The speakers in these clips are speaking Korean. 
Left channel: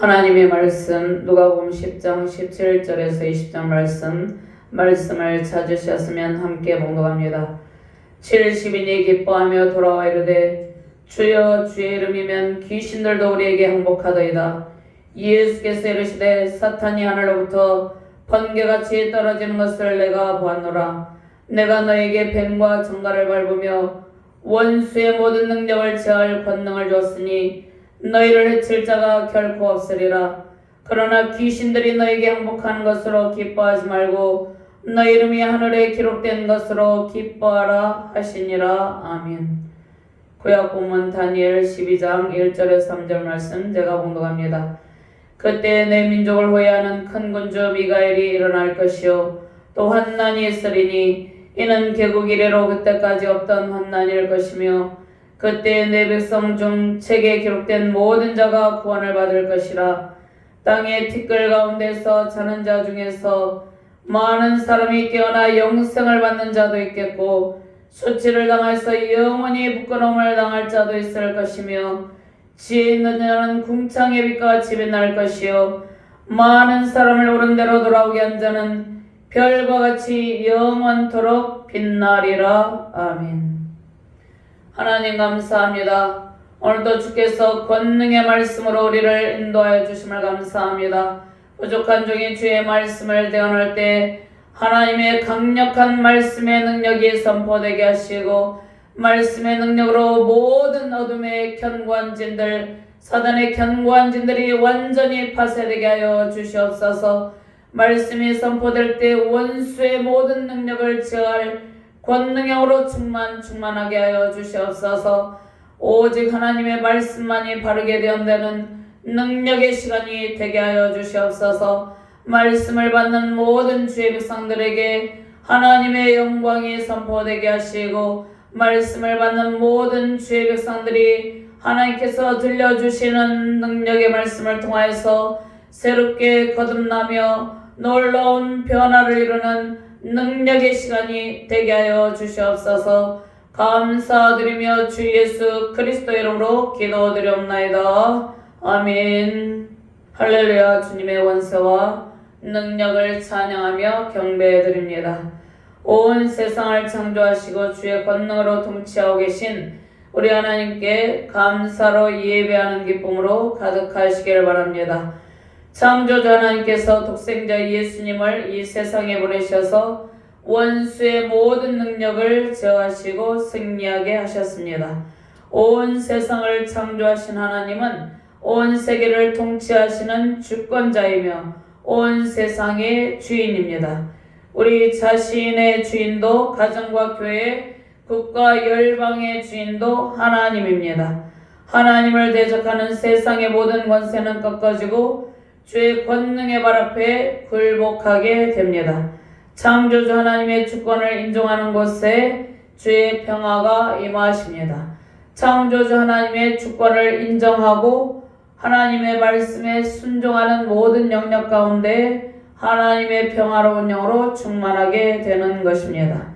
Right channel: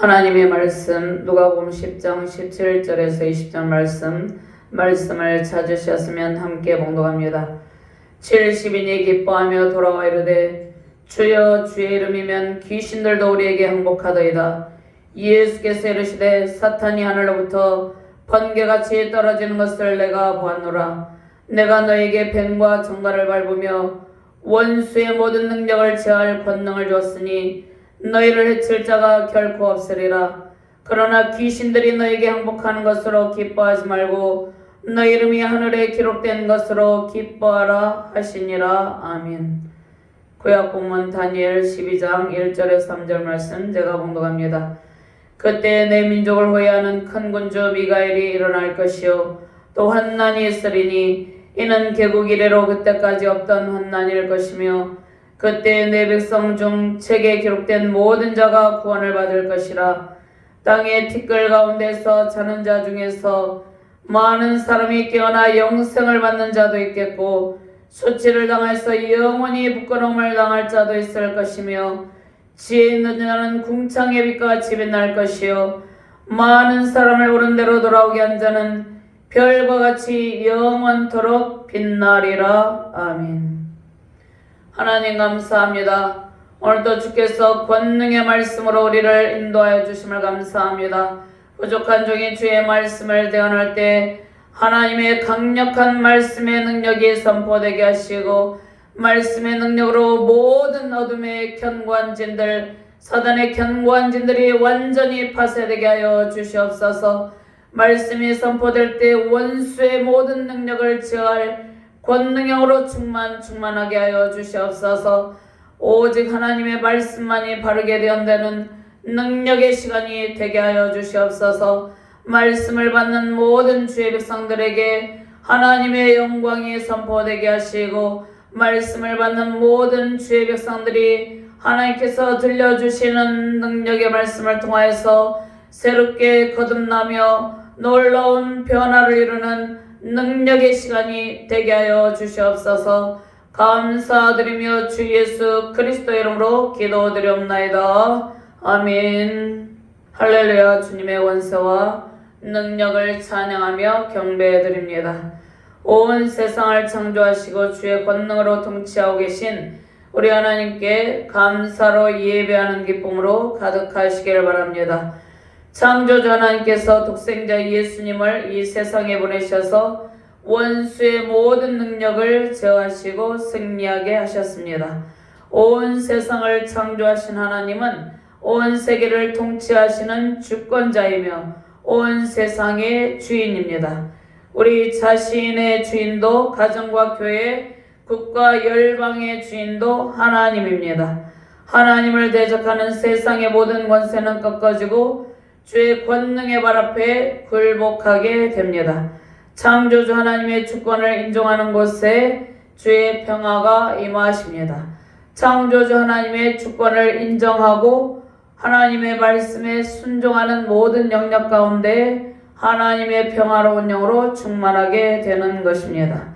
하나님의 말씀 누가복음 10장 17절에서 20절 말씀을 찾으셨으면 함께 봉독합니다. 70인이 기뻐하며 돌아와 이르되 주여 주의 이름이면 귀신들도 우리에게 항복하더이다. 예수께서 이르시되 사탄이 하늘로부터 번개같이 떨어지는 것을 내가 보았노라. 내가 너에게 뱀과 정갈을 밟으며 원수의 모든 능력을 제할 권능을 줬으니 너희를 해칠 자가 결코 없으리라. 그러나 귀신들이 너에게 항복하는 것으로 기뻐하지 말고 너희 이름이 하늘에 기록된 것으로 기뻐하라 하시니라. 아멘. 구약 본문 다니엘 12장 1절에서 3절 말씀 제가 봉독합니다. 그때 내 민족을 호위하는 큰 군주 미가엘이 일어날 것이요 또 환난이 있으리니 이는 개국 이래로 그때까지 없던 환난일 것이며 그때 내 백성 중 책에 기록된 모든 자가 구원을 받을 것이라. 땅의 티끌 가운데서 자는 자 중에서 많은 사람이 깨어나 영생을 받는 자도 있겠고 수치를 당해서 영원히 부끄러움을 당할 자도 있을 것이며 지혜 있는 자는 궁창의 빛과 집이 날 것이요 많은 사람을 옳은 대로 돌아오게 한 자는 별과 같이 영원토록 빛나리라. 아멘. 하나님 감사합니다. 오늘도 주께서 권능의 말씀으로 우리를 인도하여 주심을 감사합니다. 부족한 종이 주의 말씀을 대언할 때 하나님의 강력한 말씀의 능력이 선포되게 하시고 말씀의 능력으로 모든 어둠의 견고한진들 사단의 견고한진들이 완전히 파쇄되게 하여 주시옵소서. 말씀이 선포될 때 원수의 모든 능력을 제어할 권능형으로 충만하게 하여 주시옵소서. 오직 하나님의 말씀만이 바르게 대언되는 능력의 시간이 되게 하여 주시옵소서. 말씀을 받는 모든 주의 백성들에게 하나님의 영광이 선포되게 하시고 말씀을 받는 모든 주의 백성들이 하나님께서 들려주시는 능력의 말씀을 통하여서 새롭게 거듭나며 놀라운 변화를 이루는 능력의 시간이 되게 하여 주시옵소서. 감사드리며 주 예수 그리스도 이름으로 기도드리옵나이다. 아멘. 할렐루야. 주님의 원세와 능력을 찬양하며 경배드립니다. 온 세상을 창조하시고 주의 권능으로 통치하고 계신 우리 하나님께 감사로 예배하는 기쁨으로 가득하시기를 바랍니다. 창조주 하나님께서 독생자 예수님을 이 세상에 보내셔서 원수의 모든 능력을 제어하시고 승리하게 하셨습니다. 온 세상을 창조하신 하나님은 온 세계를 통치하시는 주권자이며 온 세상의 주인입니다. 우리 자신의 주인도 가정과 교회, 국가, 열방의 주인도 하나님입니다. 하나님을 대적하는 세상의 모든 권세는 꺾어지고 주의 권능의 발 앞에 굴복하게 됩니다. 창조주 하나님의 주권을 인정하는 곳에 주의 평화가 임하십니다. 창조주 하나님의 주권을 인정하고 하나님의 말씀에 순종하는 모든 영역 가운데 하나님의 평화로운 영으로 충만하게 되는 것입니다.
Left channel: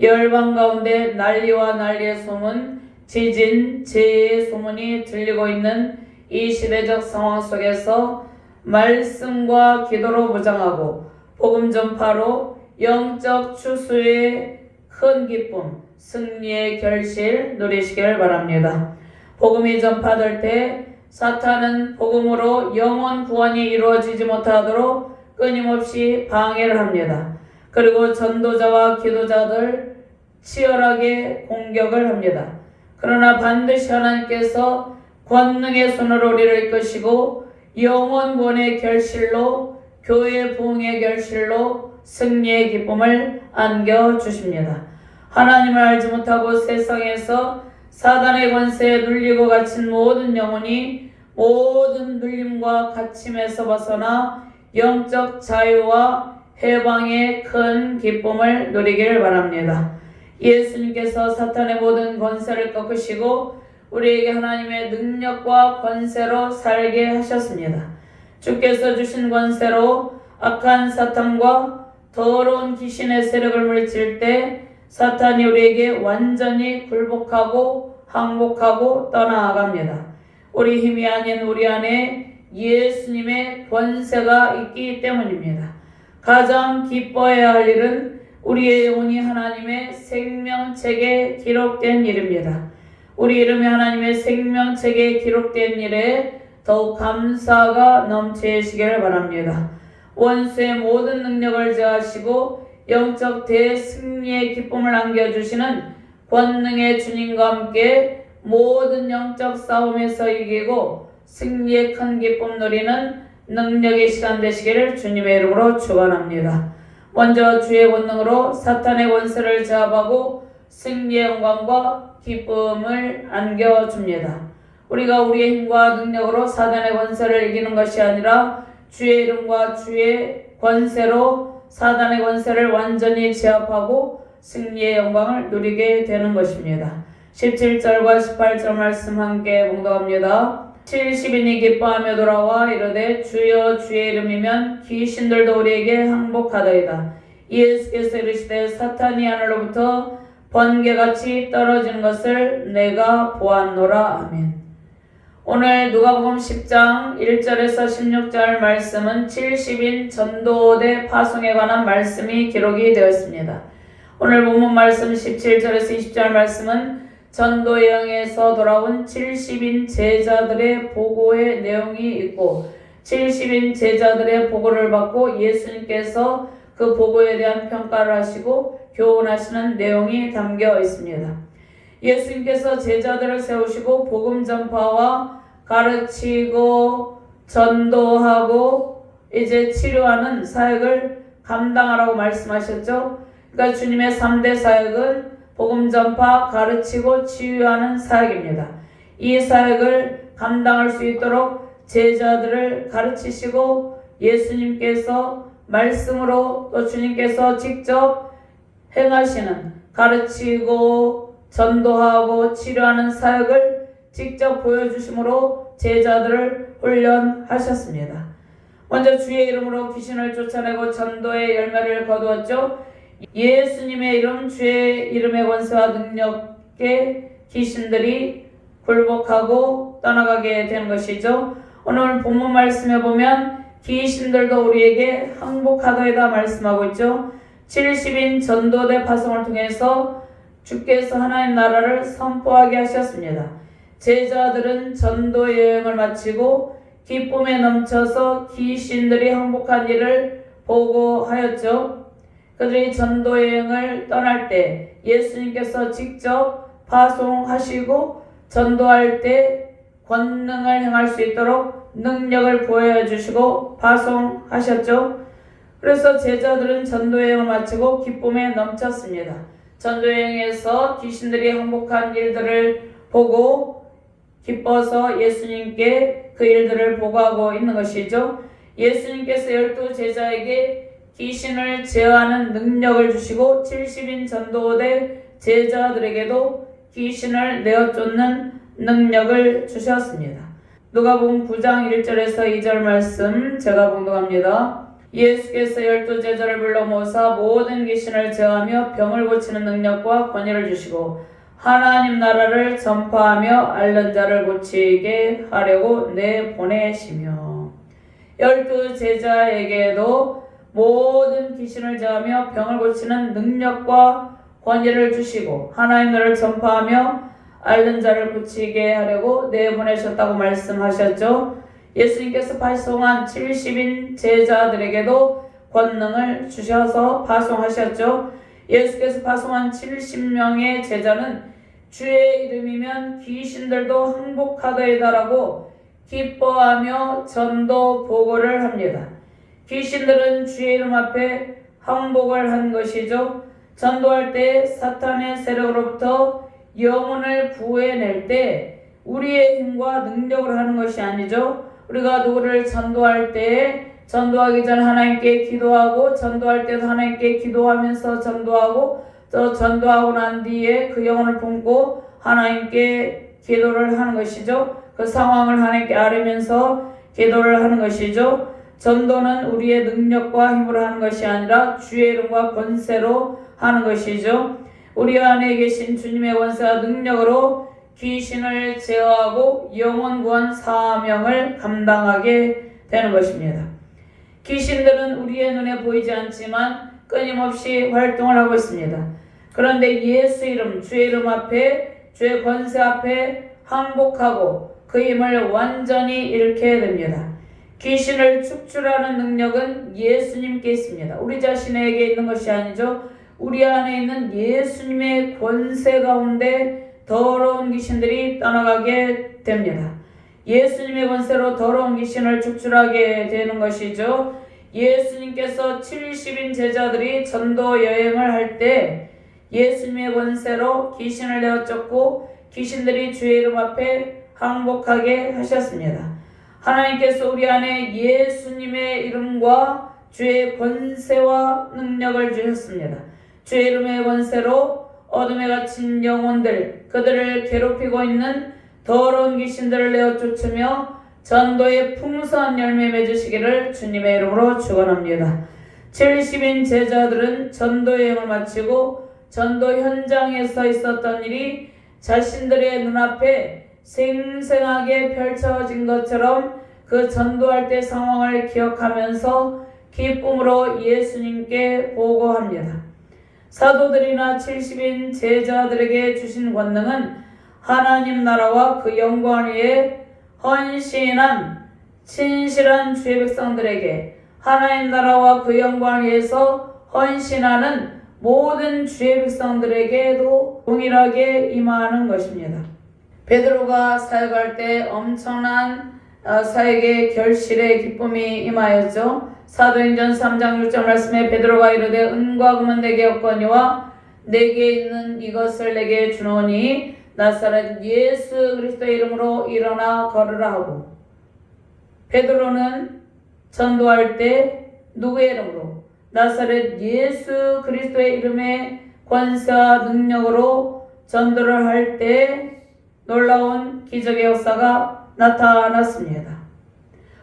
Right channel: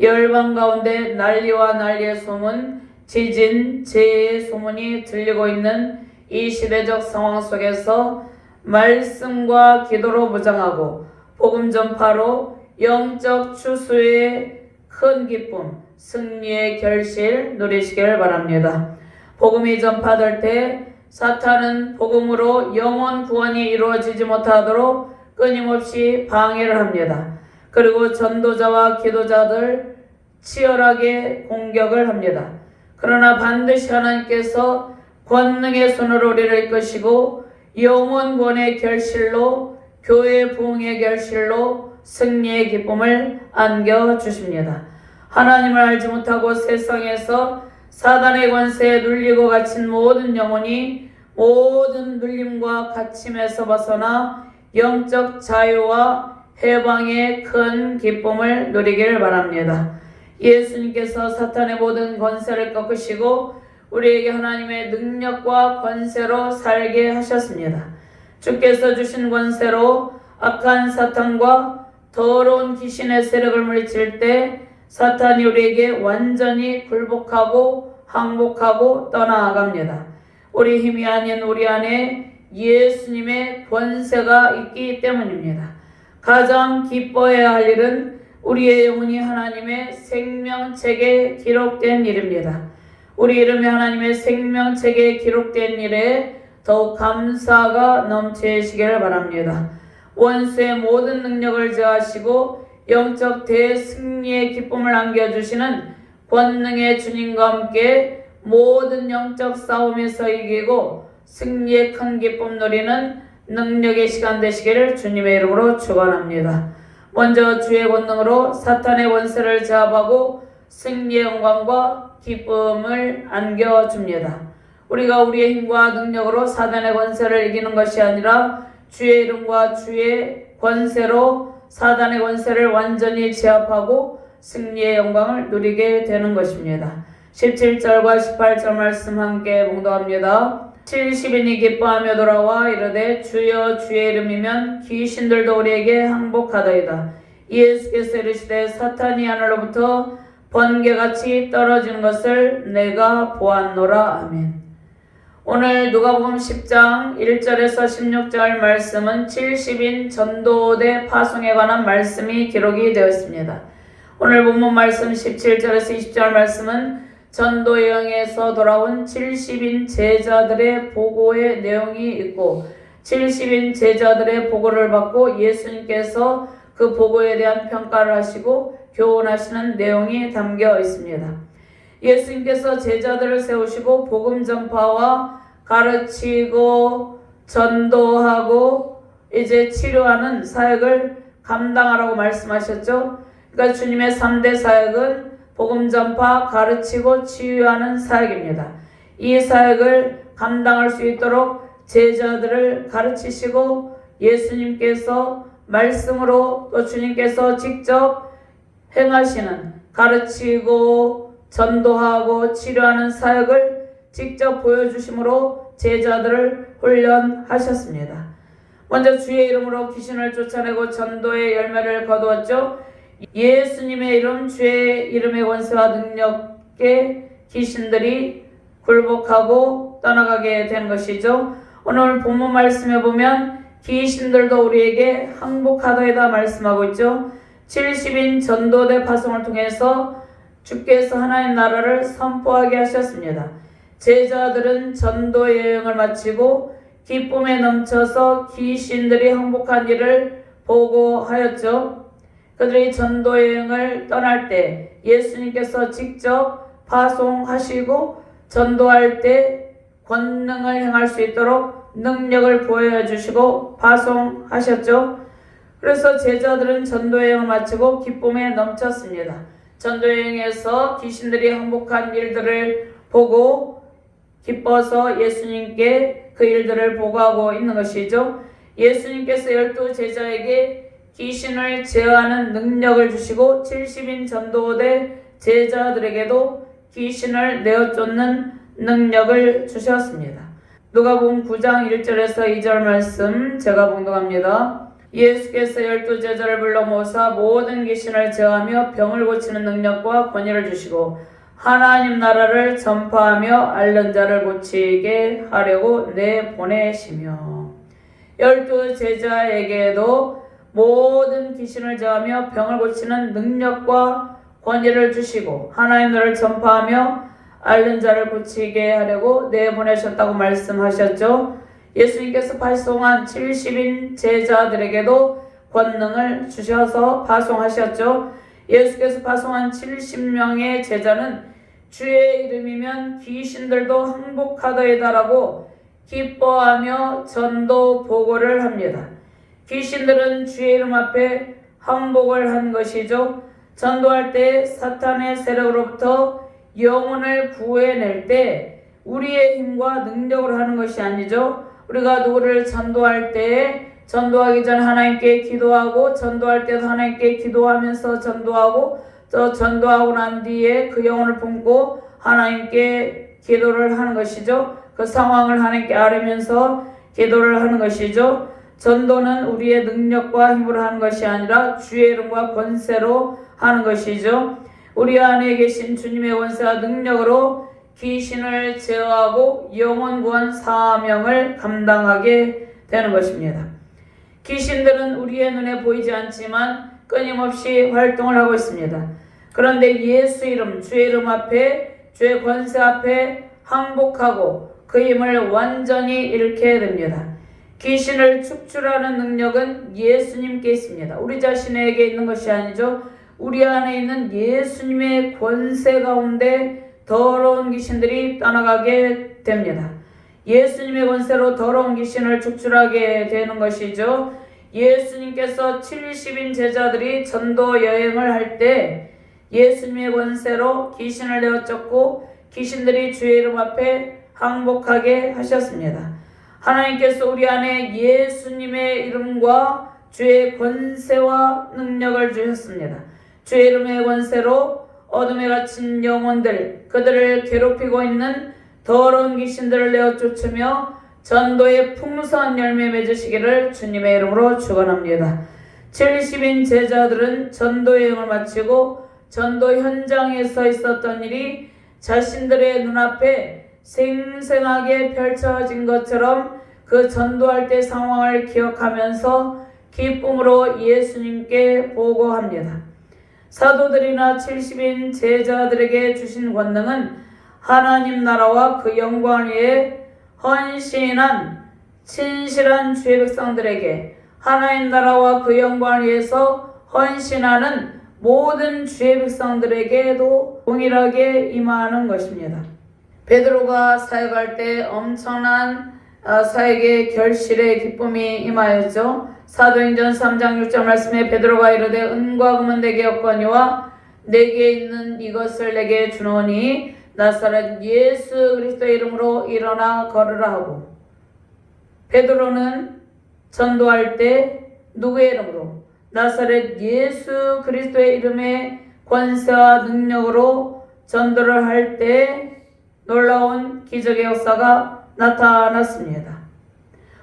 열방 가운데 난리와 난리의 소문, 지진, 재해의 소문이 들리고 있는 이 시대적 상황 속에서 말씀과 기도로 무장하고 복음 전파로 영적 추수의 큰 기쁨, 승리의 결실 누리시길 바랍니다. 복음이 전파될 때 사탄은 복음으로 영혼 구원이 이루어지지 못하도록 끊임없이 방해를 합니다. 그리고 전도자와 기도자들 치열하게 공격을 합니다. 그러나 반드시 하나님께서 권능의 손으로 우리를 이끄시고 영혼 구원의 결실로 교회 부흥의 결실로 승리의 기쁨을 안겨주십니다. 하나님을 알지 못하고 세상에서 사단의 권세에 눌리고 갇힌 모든 영혼이 모든 눌림과 갇힘에서 벗어나 영적 자유와 해방의 큰 기쁨을 누리길 바랍니다. 예수님께서 사탄의 모든 권세를 꺾으시고 우리에게 하나님의 능력과 권세로 살게 하셨습니다. 주께서 주신 권세로 악한 사탄과 더러운 귀신의 세력을 물리칠 때 사탄이 우리에게 완전히 굴복하고 항복하고 떠나갑니다. 우리 힘이 아닌 우리 안에 예수님의 권세가 있기 때문입니다. 가장 기뻐해야 할 일은 우리의 영혼이 하나님의 생명책에 기록된 일입니다. 우리 이름이 하나님의 생명책에 기록된 일에 더욱 감사가 넘치시기를 바랍니다. 원수의 모든 능력을 제하시고 영적 대승리의 기쁨을 안겨주시는 권능의 주님과 함께 모든 영적 싸움에서 이기고 승리의 큰 기쁨 누리는 능력의 시간 되시기를 주님의 이름으로 축원합니다. 먼저 주의 권능으로 사탄의 권세를 제압하고 승리의 영광과 기쁨을 안겨줍니다. 우리가 우리의 힘과 능력으로 사단의 권세를 이기는 것이 아니라 주의 이름과 주의 권세로 사단의 권세를 완전히 제압하고 승리의 영광을 누리게 되는 것입니다. 17절과 18절 말씀 함께 봉독합니다. 70인이 기뻐하며 돌아와 이르되 주여 주의 이름이면 귀신들도 우리에게 항복하더이다. 예수께서 이르시되 사탄이 하늘로부터 번개같이 떨어지는 것을 내가 보았노라. 아멘. 오늘 누가복음 10장 1절에서 16절 말씀은 70인 전도대 파송에 관한 말씀이 기록이 되었습니다. 오늘 본문 말씀 17절에서 20절 말씀은 전도 여행에서 돌아온 70인 제자들의 보고의 내용이 있고 70인 제자들의 보고를 받고 예수님께서 그 보고에 대한 평가를 하시고 교훈하시는 내용이 담겨 있습니다. 예수님께서 제자들을 세우시고 복음 전파와 가르치고 전도하고 이제 치료하는 사역을 감당하라고 말씀하셨죠. 그러니까 주님의 3대 사역은 복음 전파, 가르치고 치유하는 사역입니다. 이 사역을 감당할 수 있도록 제자들을 가르치시고 예수님께서 말씀으로 또 주님께서 직접 행하시는 가르치고 전도하고 치료하는 사역을 직접 보여주심으로 제자들을 훈련하셨습니다. 먼저 주의 이름으로 귀신을 쫓아내고 전도의 열매를 거두었죠. 예수님의 이름, 주의 이름의 권세와 능력에 귀신들이 굴복하고 떠나가게 된 것이죠. 오늘 본문 말씀에 보면 귀신들도 우리에게 항복하다이다 말씀하고 있죠. 70인 전도대 파송을 통해서 주께서 하나님 나라를 선포하게 하셨습니다. 제자들은 전도 여행을 마치고 기쁨에 넘쳐서 귀신들이 항복한 일을 보고하였죠. 그들이 전도 여행을 떠날 때 예수님께서 직접 파송하시고 전도할 때 권능을 행할 수 있도록 능력을 보여주시고 파송하셨죠. 그래서 제자들은 전도 여행을 마치고 기쁨에 넘쳤습니다. 전도 여행에서 귀신들이 항복한 일들을 보고 기뻐서 예수님께 그 일들을 보고하고 있는 것이죠. 예수님께서 12 제자에게 귀신을 제어하는 능력을 주시고 70인 전도대 제자들에게도 귀신을 내어쫓는 능력을 주셨습니다. 누가복음 9장 1절에서 2절 말씀 제가 봉독합니다. 예수께서 12 제자를 불러 모사 모든 귀신을 제어하며 병을 고치는 능력과 권위를 주시고 하나님 나라를 전파하며 앓는 자를 고치게 하려고 내보내시며 12 제자에게도 모든 귀신을 제어하며 병을 고치는 능력과 권위를 주시고 하나님 나라를 전파하며 앓는 자를 고치게 하려고 내보내셨다고 말씀하셨죠. 예수님께서 파송한 70인 제자들에게도 권능을 주셔서 파송하셨죠. 예수께서 파송한 70명의 제자는 주의 이름이면 귀신들도 항복하더이다라고 기뻐하며 전도 보고를 합니다. 귀신들은 주의 이름 앞에 항복을 한 것이죠. 전도할 때 사탄의 세력으로부터 영혼을 구해낼 때 우리의 힘과 능력으로 하는 것이 아니죠. 우리가 누구를 전도할 때 전도하기 전에 하나님께 기도하고 전도할 때도 하나님께 기도하면서 전도하고 또 전도하고 난 뒤에 그 영혼을 품고 하나님께 기도를 하는 것이죠. 그 상황을 하나님께 아뢰면서 기도를 하는 것이죠. 전도는 우리의 능력과 힘으로 하는 것이 아니라 주의 이름과 권세로 하는 것이죠. 우리 안에 계신 주님의 권세와 능력으로 귀신을 제어하고 영혼 구원 사명을 감당하게 되는 것입니다. 귀신들은 우리의 눈에 보이지 않지만 끊임없이 활동을 하고 있습니다. 그런데 예수 이름, 주의 이름 앞에, 주의 권세 앞에 항복하고 그 힘을 완전히 잃게 됩니다. 귀신을 축출하는 능력은 예수님께 있습니다. 우리 자신에게 있는 것이 아니죠. 우리 안에 있는 예수님의 권세 가운데 더러운 귀신들이 떠나가게 됩니다. 예수님의 권세로 더러운 귀신을 축출하게 되는 것이죠. 예수님께서 70인 제자들이 전도 여행을 할 때 예수님의 권세로 귀신을 내어 쫓고 귀신들이 주의 이름 앞에 항복하게 하셨습니다. 하나님께서 우리 안에 예수님의 이름과 주의 권세와 능력을 주셨습니다. 주의 이름의 권세로 어둠에 갇힌 영혼들, 그들을 괴롭히고 있는 더러운 귀신들을 내어 쫓으며 전도의 풍성한 열매 맺으시기를 주님의 이름으로 축원합니다. 70인 제자들은 전도 여행을 마치고 전도 현장에서 있었던 일이 자신들의 눈앞에 생생하게 펼쳐진 것처럼 그 전도할 때 상황을 기억하면서 기쁨으로 예수님께 보고합니다. 사도들이나 70인 제자들에게 주신 권능은 하나님 나라와 그 영광을 위해 헌신한 진실한 주의 백성들에게 하나님 나라와 그 영광을 위해서 헌신하는 모든 주의 백성들에게도 동일하게 임하는 것입니다. 베드로가 사역할 때 엄청난 사역의 결실의 기쁨이 임하였죠. 사도행전 3장 6절 말씀에 베드로가 이르되 은과 금은 내게 없거니와 내게 있는 이것을 내게 주노니 나사렛 예수 그리스도의 이름으로 일어나 걸으라 하고, 베드로는 전도할 때 누구의 이름으로? 나사렛 예수 그리스도의 이름의 권세와 능력으로 전도를 할 때 놀라운 기적의 역사가 나타났습니다.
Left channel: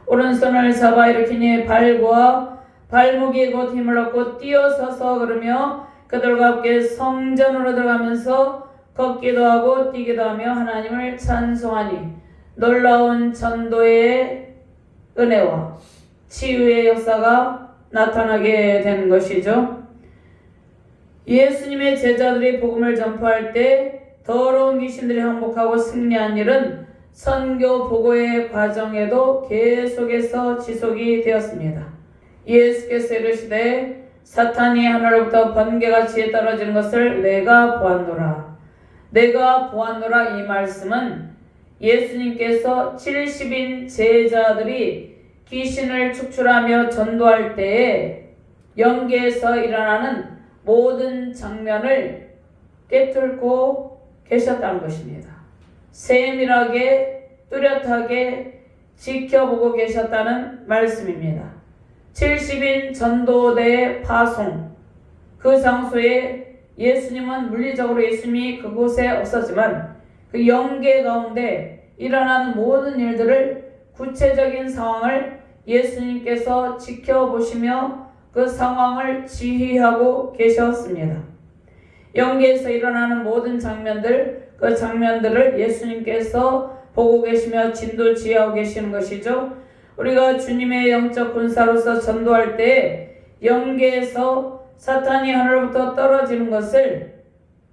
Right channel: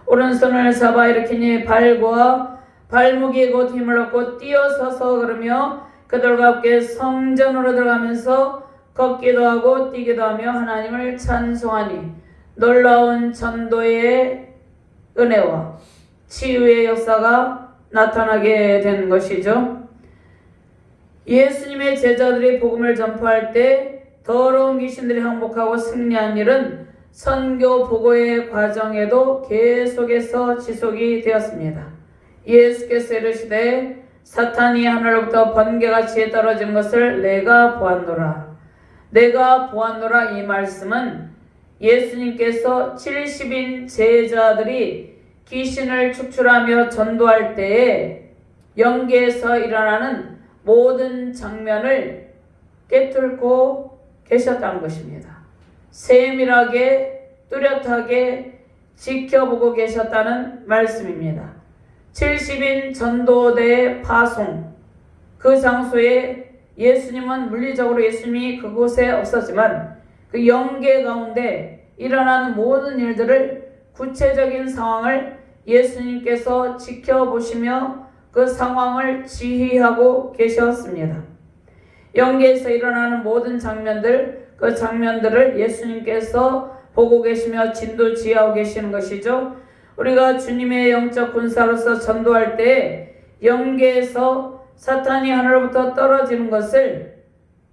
오른손을 잡아 일으키니 발과 발목이 곧 힘을 얻고 뛰어서서 걸으며 그들과 함께 성전으로 들어가면서 걷기도 하고 뛰기도 하며 하나님을 찬송하니 놀라운 전도의 은혜와 치유의 역사가 나타나게 된 것이죠. 예수님의 제자들이 복음을 전파할 때 더러운 귀신들이 항복하고 승리한 일은 선교 보고의 과정에도 계속해서 지속이 되었습니다. 예수께서 이르시되 사탄이 하늘로부터 번개같이 떨어진 것을 내가 보았노라. 내가 보았노라 이 말씀은 예수님께서 70인 제자들이 귀신을 축출하며 전도할 때에 영계에서 일어나는 모든 장면을 꿰뚫고 계셨다는 것입니다. 세밀하게 뚜렷하게 지켜보고 계셨다는 말씀입니다. 70인 전도대 파송, 그 장소에 예수님은 물리적으로 예수님이 그곳에 없었지만 그 영계 가운데 일어나는 모든 일들을 구체적인 상황을 예수님께서 지켜보시며 그 상황을 지휘하고 계셨습니다. 영계에서 일어나는 모든 장면들, 그 장면들을 예수님께서 보고 계시며 진도지휘하고 계시는 것이죠. 우리가 주님의 영적 군사로서 전도할 때 영계에서 사탄이 하늘로부터 떨어지는 것을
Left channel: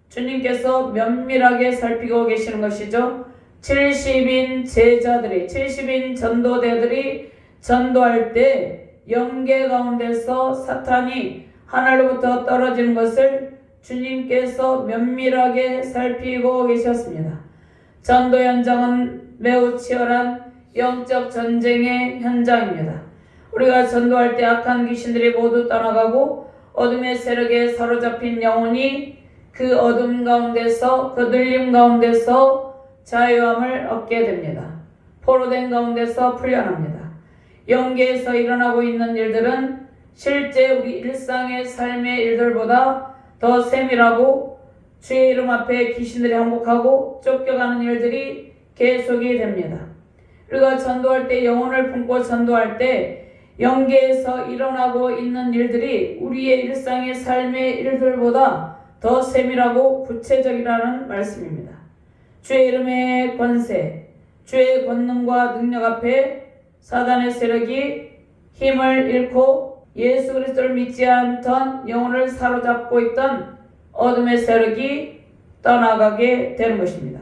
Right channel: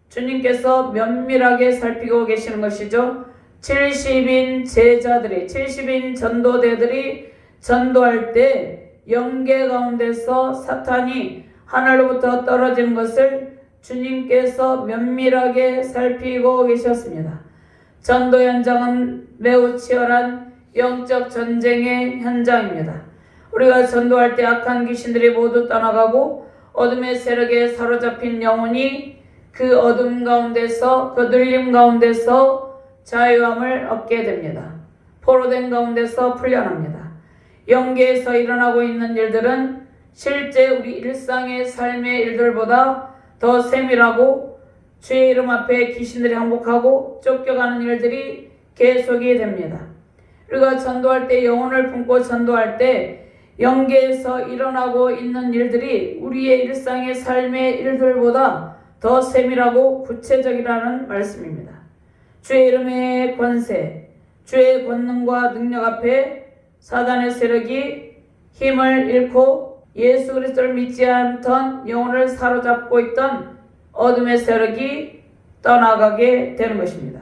주님께서 면밀하게 살피고 계시는 것이죠. 70인 제자들이, 70인 전도대들이 전도할 때 영계 가운데서 사탄이 하늘로부터 떨어지는 것을 주님께서 면밀하게 살피고 계셨습니다. 전도 현장은 매우 치열한 영적 전쟁의 현장입니다. 우리가 전도할 때 악한 귀신들이 모두 떠나가고 어둠의 세력에 사로잡힌 영혼이 그 어둠 가운데서, 그 눌림 가운데서 자유함을 얻게 됩니다. 포로된 가운데서 풀려납니다. 영계에서 일어나고 있는 일들은 실제 우리 일상의 삶의 일들보다 더 세밀하고 주의 이름 앞에 귀신들이 항복하고 쫓겨가는 일들이 계속이 됩니다. 우리가 전도할 때, 영혼을 품고 전도할 때 영계에서 일어나고 있는 일들이 우리의 일상의 삶의 일들보다 더 세밀하고 구체적이라는 말씀입니다. 주의 이름의 권세, 주의 권능과 능력 앞에 사단의 세력이 힘을 잃고 예수 그리스도를 믿지 않던 영혼을 사로잡고 있던 어둠의 세력이 떠나가게 되는 것입니다.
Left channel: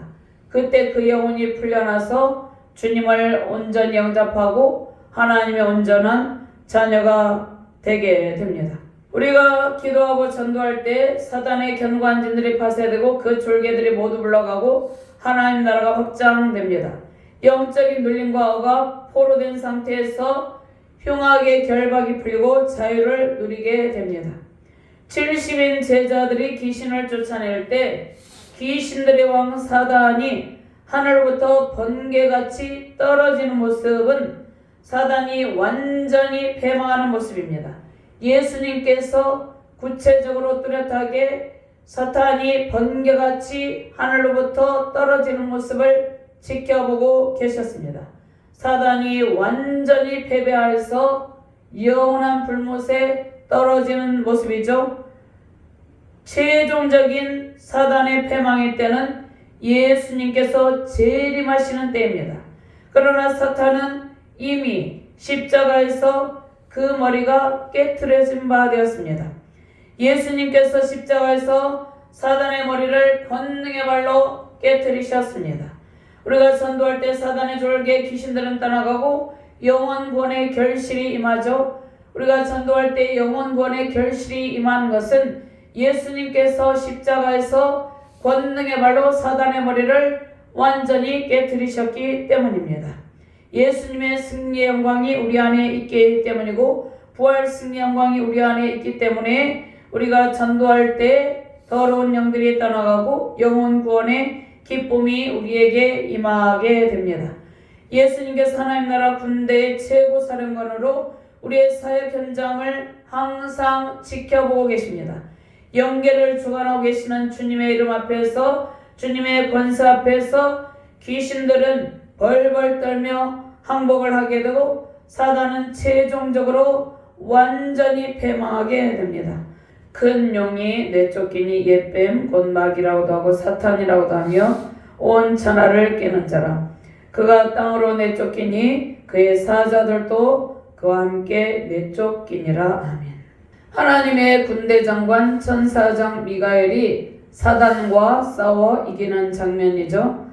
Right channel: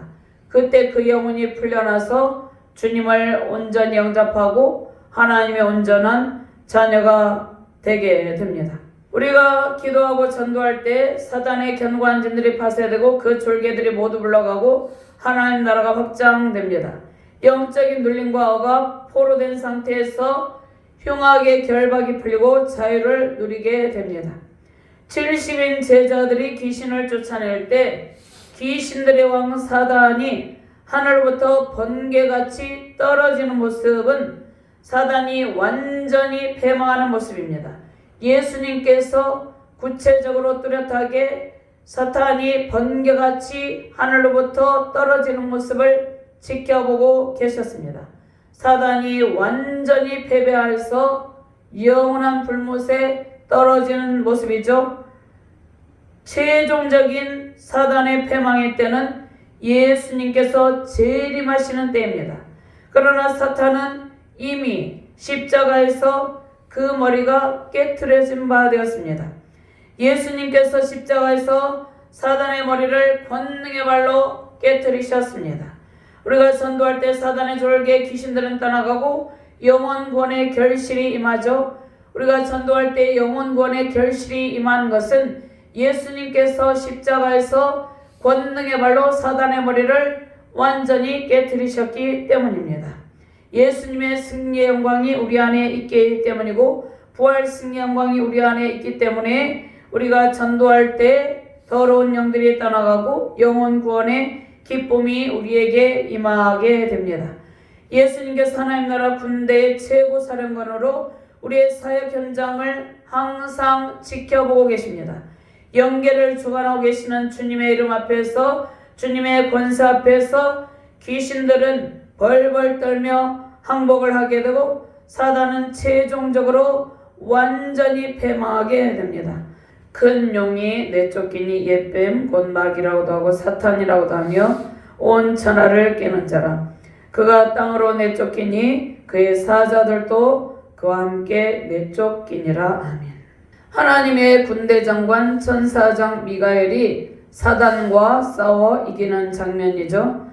그때 그 영혼이 풀려나서 주님을 온전히 영접하고 하나님의 온전한 자녀가 되게 됩니다. 우리가 기도하고 전도할 때 사단의 견고한진들이 파쇄되고 그 졸개들이 모두 물러가고 하나님 나라가 확장됩니다. 영적인 눌림과 억압, 포로된 상태에서 흉악의 결박이 풀리고 자유를 누리게 됩니다. 70인 제자들이 귀신을 쫓아낼 때 귀신들의 왕 사단이 하늘로부터 번개같이 떨어지는 모습은 사단이 완전히 패망하는 모습입니다. 예수님께서 구체적으로 뚜렷하게 사탄이 번개같이 하늘로부터 떨어지는 모습을 지켜보고 계셨습니다. 사단이 완전히 패배해서 영원한 불못에 떨어지는 모습이죠. 최종적인 사단의 패망의 때는 예수님께서 재림하시는 때입니다. 그러나 사탄은 이미 십자가에서 그 머리가 깨트려진 바 되었습니다. 예수님께서 십자가에서 사단의 머리를 권능의 발로 깨트리셨습니다. 우리가 전도할 때 사단의 졸개 귀신들은 떠나가고 영혼권의 결실이 임하죠. 우리가 전도할 때 영혼권의 결실이 임한 것은 예수님께서 십자가에서 권능의 발로 사단의 머리를 완전히 깨트리셨기 때문입니다. 예수님의 승리의 영광이 우리 안에 있기 때문이고 부활 승리의 영광이 우리 안에 있기 때문에 우리가 전도할 때 더러운 영들이 떠나가고 영혼 구원의 기쁨이 우리에게 임하게 됩니다. 예수님께서 하나님 나라 군대의 최고 사령관으로 우리의 사역 현장을 항상 지켜보고 계십니다. 영계를 주관하고 계시는 주님의 이름 앞에서, 주님의 권세 앞에서 귀신들은 벌벌 떨며 항복을 하게 되고 사단은 최종적으로 완전히 패망하게 됩니다. 큰 용이 내쫓기니 옛뱀 곧 마귀라고도 하고 사탄이라고도 하며 온 천하를 깨는 자라. 그가 땅으로 내쫓기니 그의 사자들도 그와 함께 내쫓기니라. 아멘. 하나님의 군대장관 천사장 미가엘이 사단과 싸워 이기는 장면이죠.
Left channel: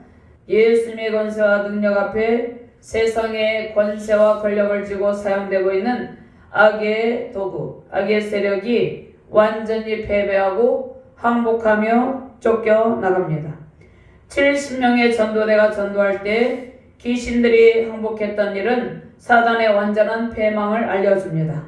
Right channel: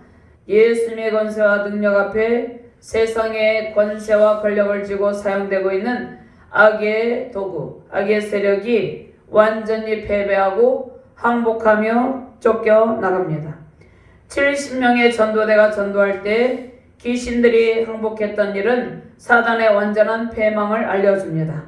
예수님의 권세와 능력 앞에 세상의 권세와 권력을 쥐고 사용되고 있는 악의 도구, 악의 세력이 완전히 패배하고 항복하며 쫓겨나갑니다. 70명의 전도대가 전도할 때 귀신들이 항복했던 일은 사단의 완전한 패망을 알려줍니다.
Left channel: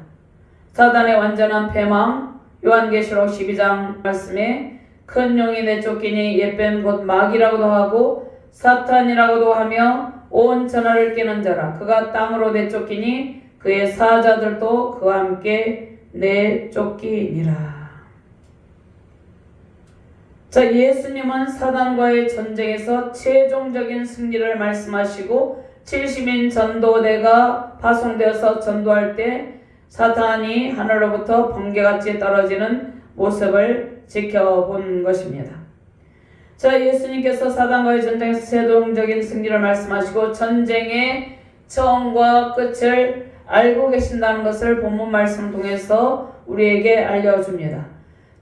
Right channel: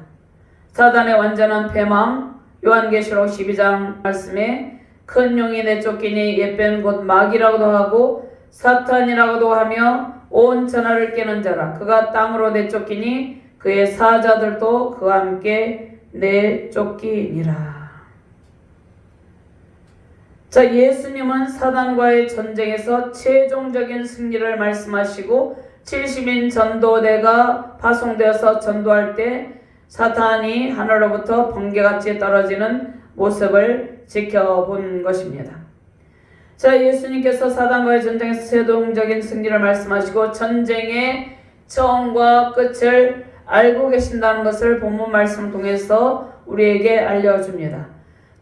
사단의 완전한 패망, 요한계시록 12장 말씀에 큰 용이 내쫓기니 옛뱀 곧 마귀라고도 하고 사탄이라고도 하며 온 천하를 깨는 자라. 그가 땅으로 내쫓기니 그의 사자들도 그와 함께 내쫓기니라. 자, 예수님은 사단과의 전쟁에서 최종적인 승리를 말씀하시고 70인 전도대가 파송되어서 전도할 때 사탄이 하늘로부터 번개같이 떨어지는 모습을 지켜본 것입니다. 자, 예수님께서 사단과의 전쟁에서 최종적인 승리를 말씀하시고 전쟁의 처음과 끝을 알고 계신다는 것을 본문 말씀 통해서 우리에게 알려줍니다.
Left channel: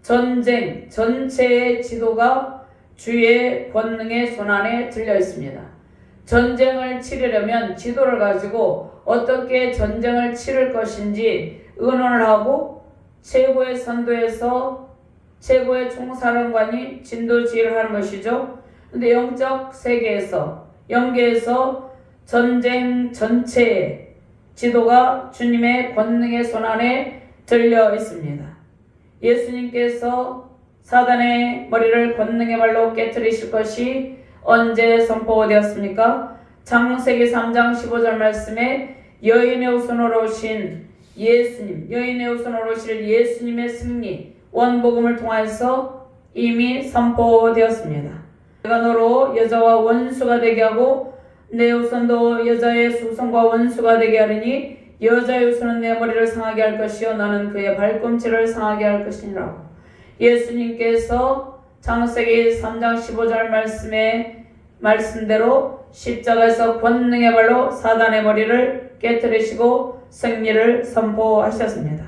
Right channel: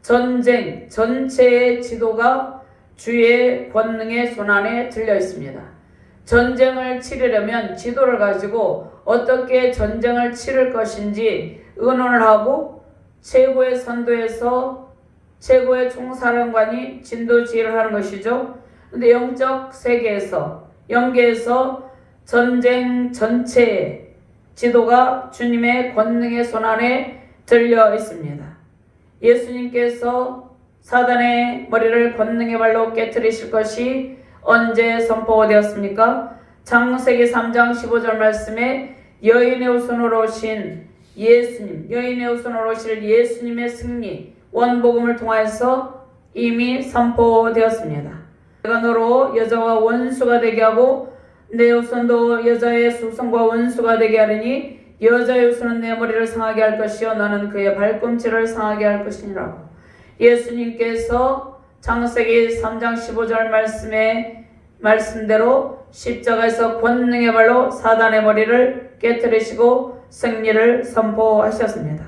전쟁 전체의 지도가 주의 권능의 손안에 들려 있습니다. 전쟁을 치르려면 지도를 가지고 어떻게 전쟁을 치를 것인지 의논을 하고 최고의 선도에서 최고의 총사령관이 진도지휘를 하는 것이죠. 근데 영적 세계에서, 영계에서 전쟁 전체의 지도가 주님의 권능의 손안에 들려 있습니다. 예수님께서 사단의 머리를 권능의 발로 깨트리실 것이 언제 선포되었습니까? 창세기 3장 15절 말씀에 여인의 후손으로 오신 예수님, 여인의 후손으로 오실 예수님의 승리, 원복음을 통해서 이미 선포되었습니다. 내가 너로 여자와 원수가 되게 하고 내 후손도 여자의 후손과 원수가 되게 하리니 여자의 후손은 내 머리를 상하게 할 것이요 나는 그의 발꿈치를 상하게 할 것이니라. 예수님께서 창세기 3장 15절 말씀에 말씀대로 십자가에서 권능의 발로 사단의 머리를 깨뜨리시고 승리를 선포하셨습니다.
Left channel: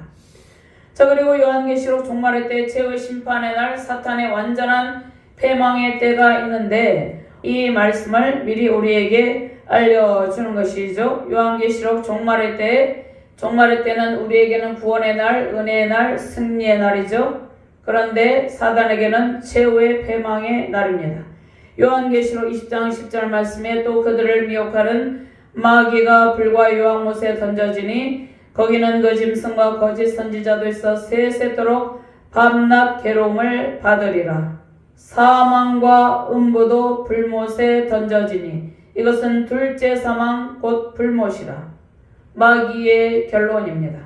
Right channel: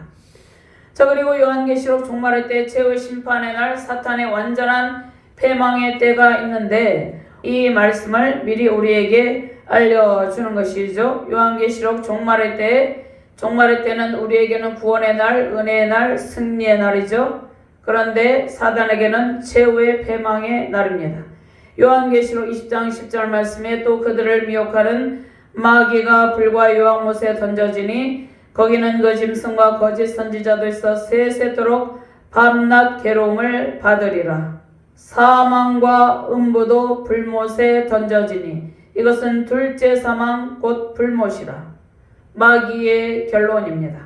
자, 그리고 요한계시록 종말의 때 최후 심판의 날 사탄의 완전한 패망의 때가 있는데 이 말씀을 미리 우리에게 알려주는 것이죠. 요한계시록 종말의 때는 우리에게는 구원의 날, 은혜의 날, 승리의 날이죠. 그런데 사단에게는 최후의 패망의 날입니다. 요한계시록 20장 10절 말씀에 또 그들을 미혹하는 마귀가 불과 요한못에 던져지니 거기는 그 짐승과 거짓 선지자도 있어 세세토록 밤낮 괴로움을 받으리라. 사망과 음부도 불못에 던져지니 이것은 둘째 사망 곧 불못이라. 마귀의 결론입니다.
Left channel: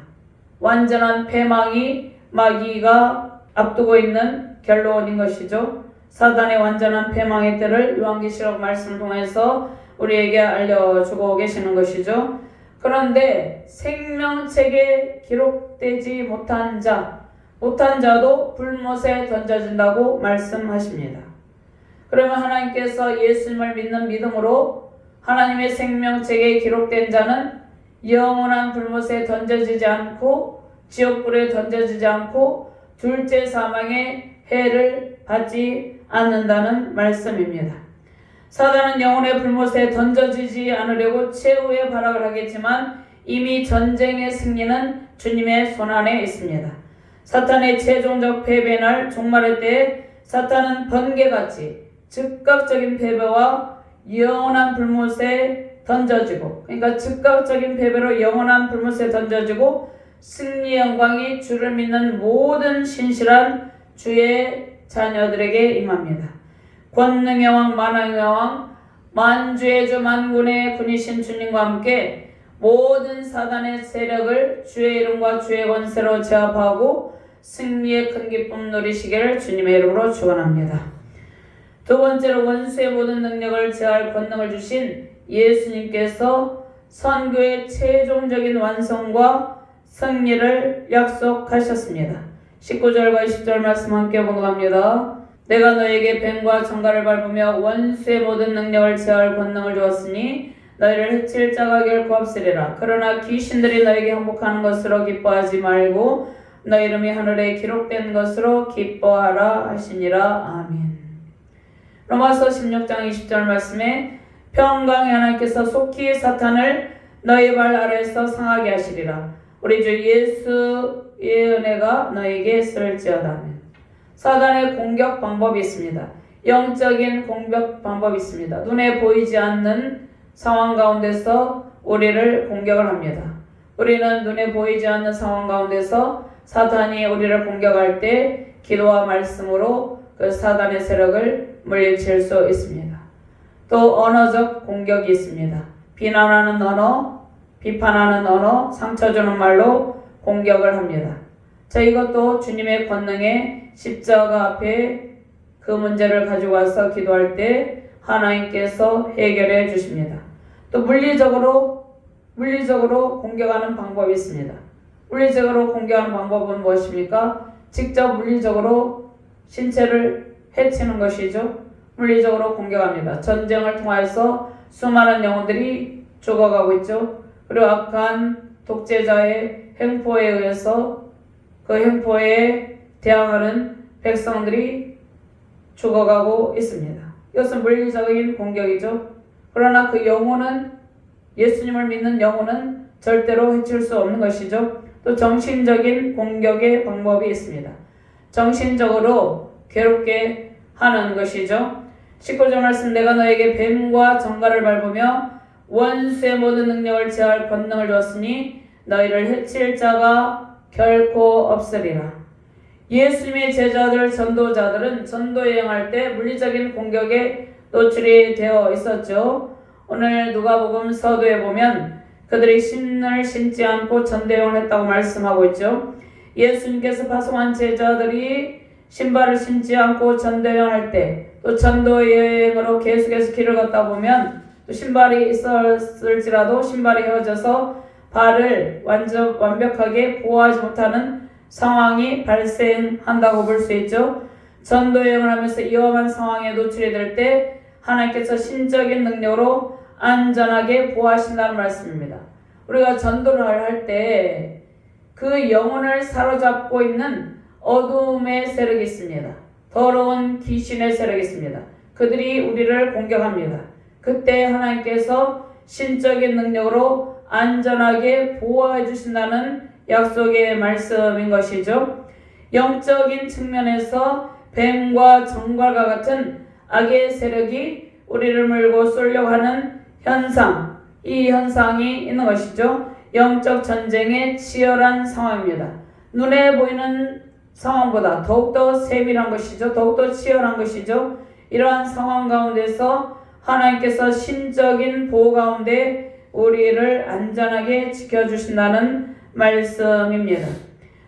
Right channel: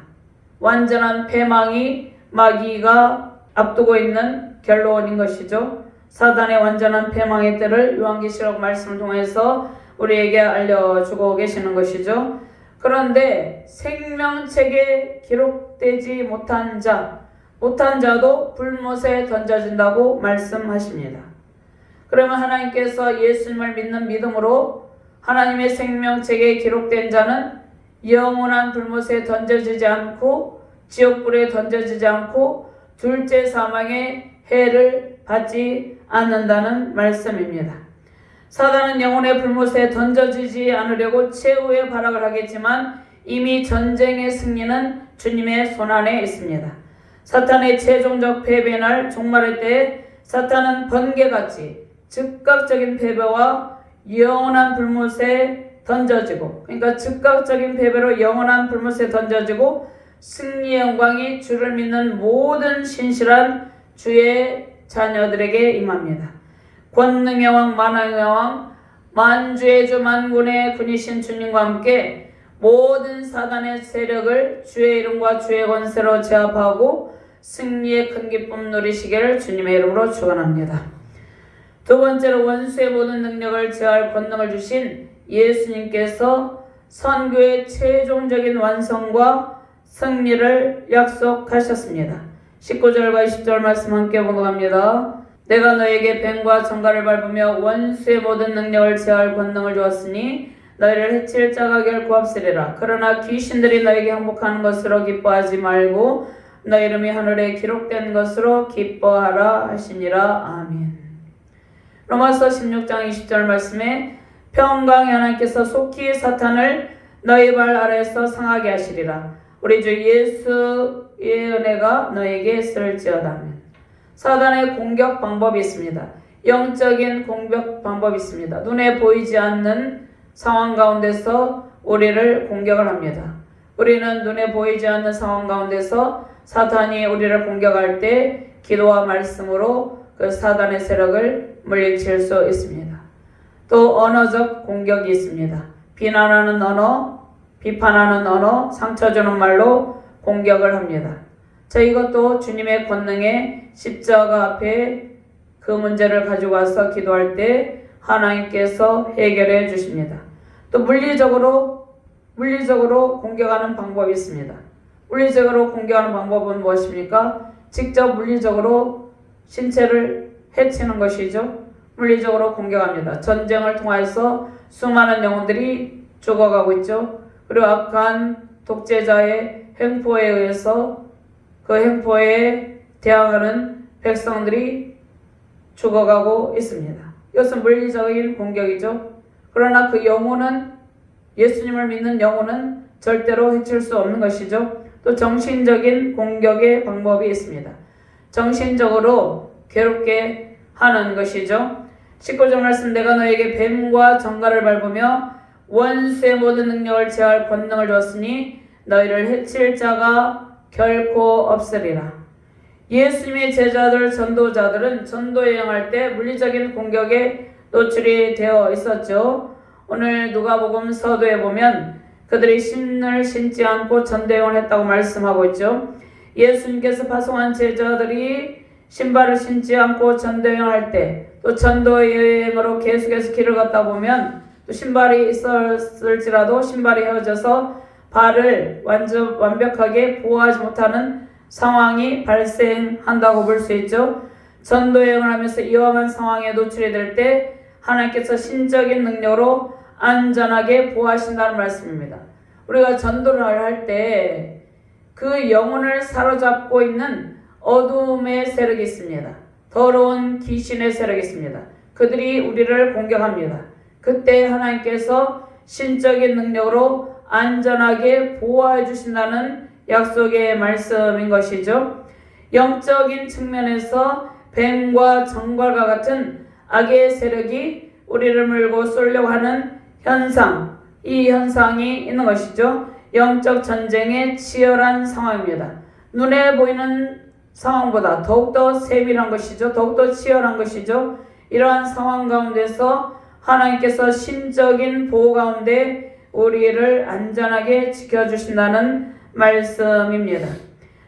완전한 패망이 마귀가 앞두고 있는 결론인 것이죠. 사단의 완전한 패망의 때를 요한계시록 말씀 통해서 우리에게 알려주고 계시는 것이죠. 그런데 생명책에 기록되지 못한 자도 불못에 던져진다고 말씀하십니다. 그러면 하나님께서 예수님을 믿는 믿음으로 하나님의 생명책에 기록된 자는 영원한 불못에 던져지지 않고 지옥불에 던져지지 않고 둘째 사망의 해를 받지 않는다는 말씀입니다. 사단은 영혼의 불못에 던져지지 않으려고 최후의 발악을 하겠지만 이미 전쟁의 승리는 주님의 손안에 있습니다. 사탄의 최종적 패배의 날 종말의 때에 사탄은 번개같이 즉각적인 패배와 영원한 불못에 던져지고, 그러니까 즉각적인 패배로 영원한 불못에 던져지고 승리의 영광이 주를 믿는 모든 신실한 주의 자녀들에게 임합니다. 권능의 왕 만왕의 왕 만주의 주 만군의 군이신 주님과 함께 모든 사단의 세력을 주의 이름과 주의 권세로 제압하고 승리의 큰 기쁨 누리시기를 주님의 이름으로 축원합니다. 두 번째로 원수의 모든 능력을 제할 권능을 주신 예수님께서 선교의 최종적인 완성과 승리를 약속하셨습니다. 19절과 20절 말씀 함께 봉독합니다. 내가 너에게 뱀과 정갈을 밟으며 원수의 모든 능력을 제할 권능을 주었으니 너희를 해칠 자가 결코 없으리라. 그러나 귀신들이 너에게 항복하는 것으로 기뻐하지 말고 너희 이름이 하늘에 기록된 것으로 기뻐하라 하시니라. 아멘. 로마서 16장 20절 말씀에 평강의 하나님께서 속히 사탄을 너희 발 아래에서 상하게 하시리라. 우리 주 예수의 은혜가 너에게 있을지어다. 사단의 공격 방법이 있습니다. 영적인 공격 방법이 있습니다. 눈에 보이지 않는 상황 가운데서 우리를 공격을 합니다. 우리는 눈에 보이지 않는 상황 가운데서 사탄이 우리를 공격할 때 기도와 말씀으로 그 사단의 세력을 물리칠 수 있습니다. 또 언어적 공격이 있습니다. 비난하는 언어, 비판하는 언어, 상처 주는 말로 공격을 합니다. 자, 이것도 주님의 권능에 십자가 앞에 그 문제를 가지고 와서 기도할 때 하나님께서 해결해 주십니다. 또 물리적으로 공격하는 방법이 있습니다. 물리적으로 공격하는 방법은 무엇입니까? 직접 물리적으로 신체를 해치는 것이죠. 물리적으로 공격합니다. 전쟁을 통해서 수많은 영혼들이 죽어가고 있죠. 그리고 악한 독재자의 횡포에 의해서 그 횡포에 대항하는 백성들이 죽어가고 있습니다. 이것은 물리적인 공격이죠. 그러나 그 영혼은, 예수님을 믿는 영혼은 절대로 해칠 수 없는 것이죠. 또 정신적인 공격의 방법이 있습니다. 정신적으로 괴롭게 하는 것이죠. 19절 말씀, 내가 너에게 뱀과 정갈을 밟으며 원수의 모든 능력을 제할 권능을 줬으니 너희를 해칠 자가 결코 없으리라. 예수님의 제자들, 전도자들은 전도 여행할 때 물리적인 공격에 노출이 되어 있었죠. 오늘 누가복음 서두에 보면 그들이 신을 신지 않고 전도 여행을 했다고 말씀하고 있죠. 예수님께서 파송한 제자들이 신발을 신지 않고 전도 여행할 때, 또 전도 여행으로 계속해서 길을 걷다 보면 또 신발이 있었을지라도 신발이 헤어져서 발을 완벽하게 보호하지 못하는 상황이 발생한다고 볼 수 있죠. 전도 여행을 하면서 위험한 상황에 노출이 될 때 하나님께서 신적인 능력으로 안전하게 보호하신다는 말씀입니다. 우리가 전도를 할 때 그 영혼을 사로잡고 있는 어둠의 세력이 있습니다. 더러운 귀신의 세력이 있습니다. 그들이 우리를 공격합니다. 그때 하나님께서 신적인 능력으로 안전하게 보호해 주신다는 약속의 말씀인 것이죠. 영적인 측면에서 뱀과 정갈과 같은 악의 세력이 우리를 물고 쏠려고 하는 현상, 이 현상이 있는 것이죠. 영적 전쟁의 치열한 상황입니다. 눈에 보이는 상황보다 더욱더 세밀한 것이죠. 더욱더 치열한 것이죠. 이러한 상황 가운데서 하나님께서 신적인 보호 가운데 우리를 안전하게 지켜주신다는 말씀입니다.